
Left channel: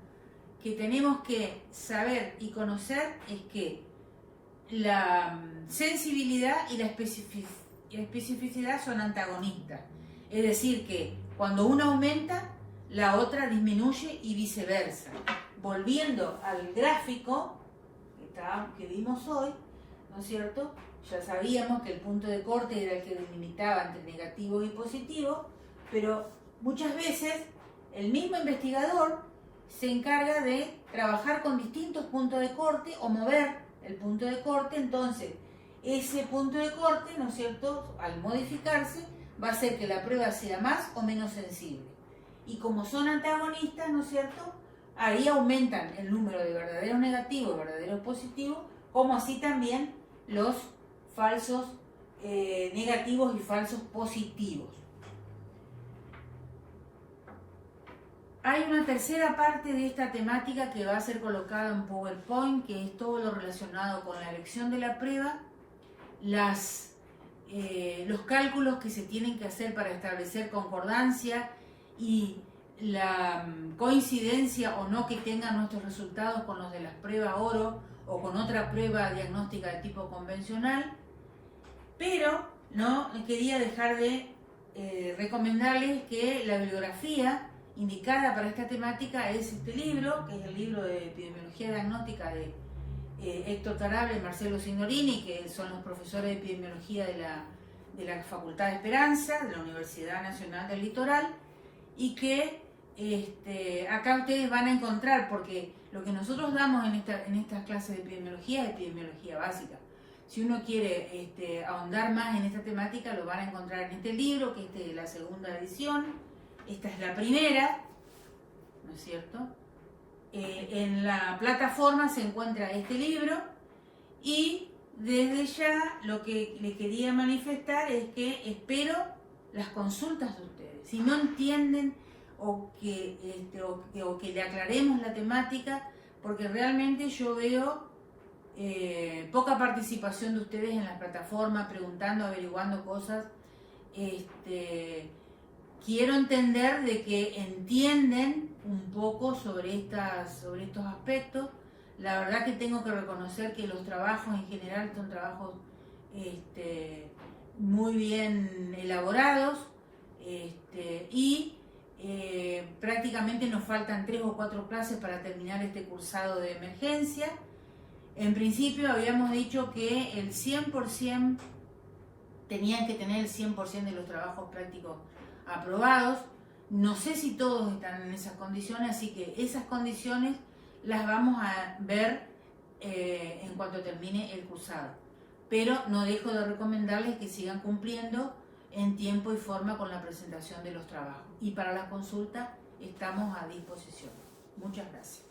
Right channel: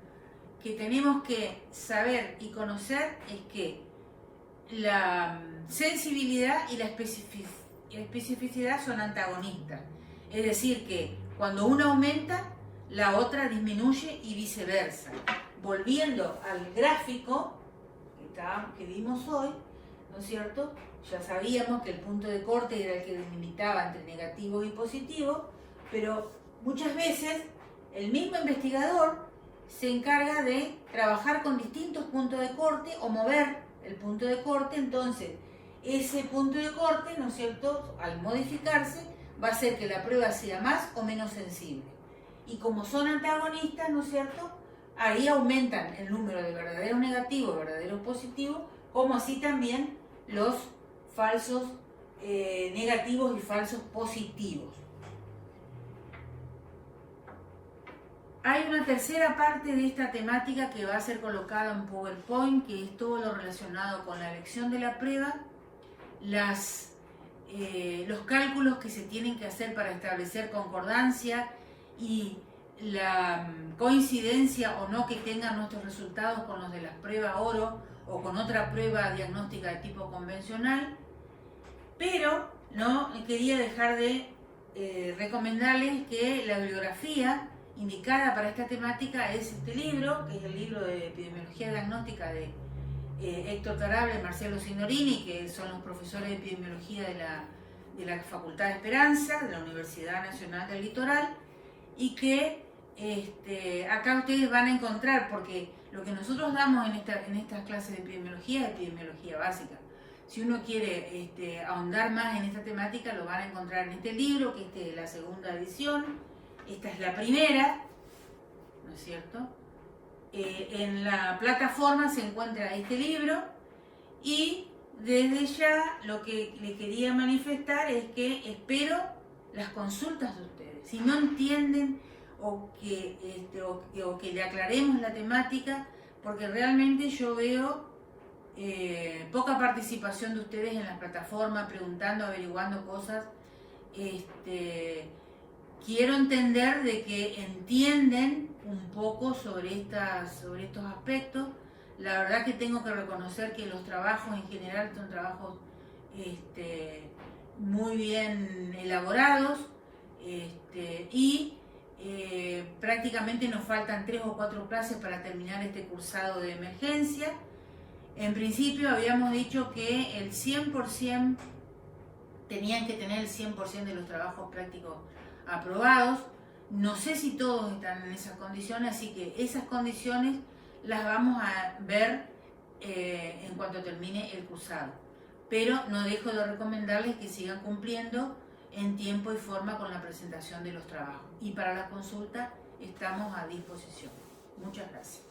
que tenemos que saber y conocer es que la sensibilidad y la especificidad son antagonistas, es decir que cuando una aumenta, la otra disminuye y viceversa. Volviendo al gráfico que vimos hoy, ¿no es cierto? Ya sabíamos que el punto de corte era el que delimitaba entre negativo y positivo, pero muchas veces el mismo investigador se encarga de trabajar con distintos puntos de corte o mover el punto de corte. Entonces ese punto de corte, ¿no es cierto?, al modificarse va a hacer que la prueba sea más o menos sensible. Y como son antagonistas, ¿no es cierto?, ahí aumentan el número de verdaderos negativos, verdaderos positivos, como así también los falsos negativos y falsos positivos. Hay una tercera parte de esta temática que va a ser colocada en PowerPoint, que es todo lo relacionado con la elección de la prueba, los cálculos que se tienen que hacer para establecer concordancia y la coincidencia o no que tengan nuestros resultados con los de las pruebas oro o con otra prueba diagnóstica de tipo convencional. Pero no quería dejar de recomendarles que la bibliografía indicada para esta temática es este libro, que es el libro de Epidemiología Diagnóstica de Héctor Tarabia y Marcelo Signorini, que son los profesores de epidemiología de la Facultad de Esperanza, de la Universidad Nacional del Litoral, y que acá ustedes van a encontrar, porque lo que nosotros damos en estas clases de epidemiología es epidemiología básica. Si uno quiere ahondar más en esta temática, lo van a encontrar en este libro, que es la segunda edición. Esta es la primera, ¿no es cierto? En la plataforma se encuentra este libro y desde ya lo que le quería manifestar es que espero las consultas de ustedes. Si no entienden o que le aclaremos la temática, porque realmente yo veo poca participación de ustedes en la plataforma, preguntando, averiguando cosas. Quiero entender de que entienden un poco sobre estos aspectos. La verdad que tengo que reconocer que los trabajos en general son trabajos muy bien elaborados y prácticamente nos faltan 3 o 4 clases para terminar este cursado de emergencia. En principio habíamos dicho que el 100% tenían que tener el 100% de los trabajos prácticos aprobados. No sé si todos están en esas condiciones, así que esas condiciones las vamos a ver en cuanto termine el cursado. Pero no dejo de recomendarles que sigan cumpliendo en tiempo y forma con la presentación de los trabajos. Y para la consulta estamos a disposición. Muchas gracias.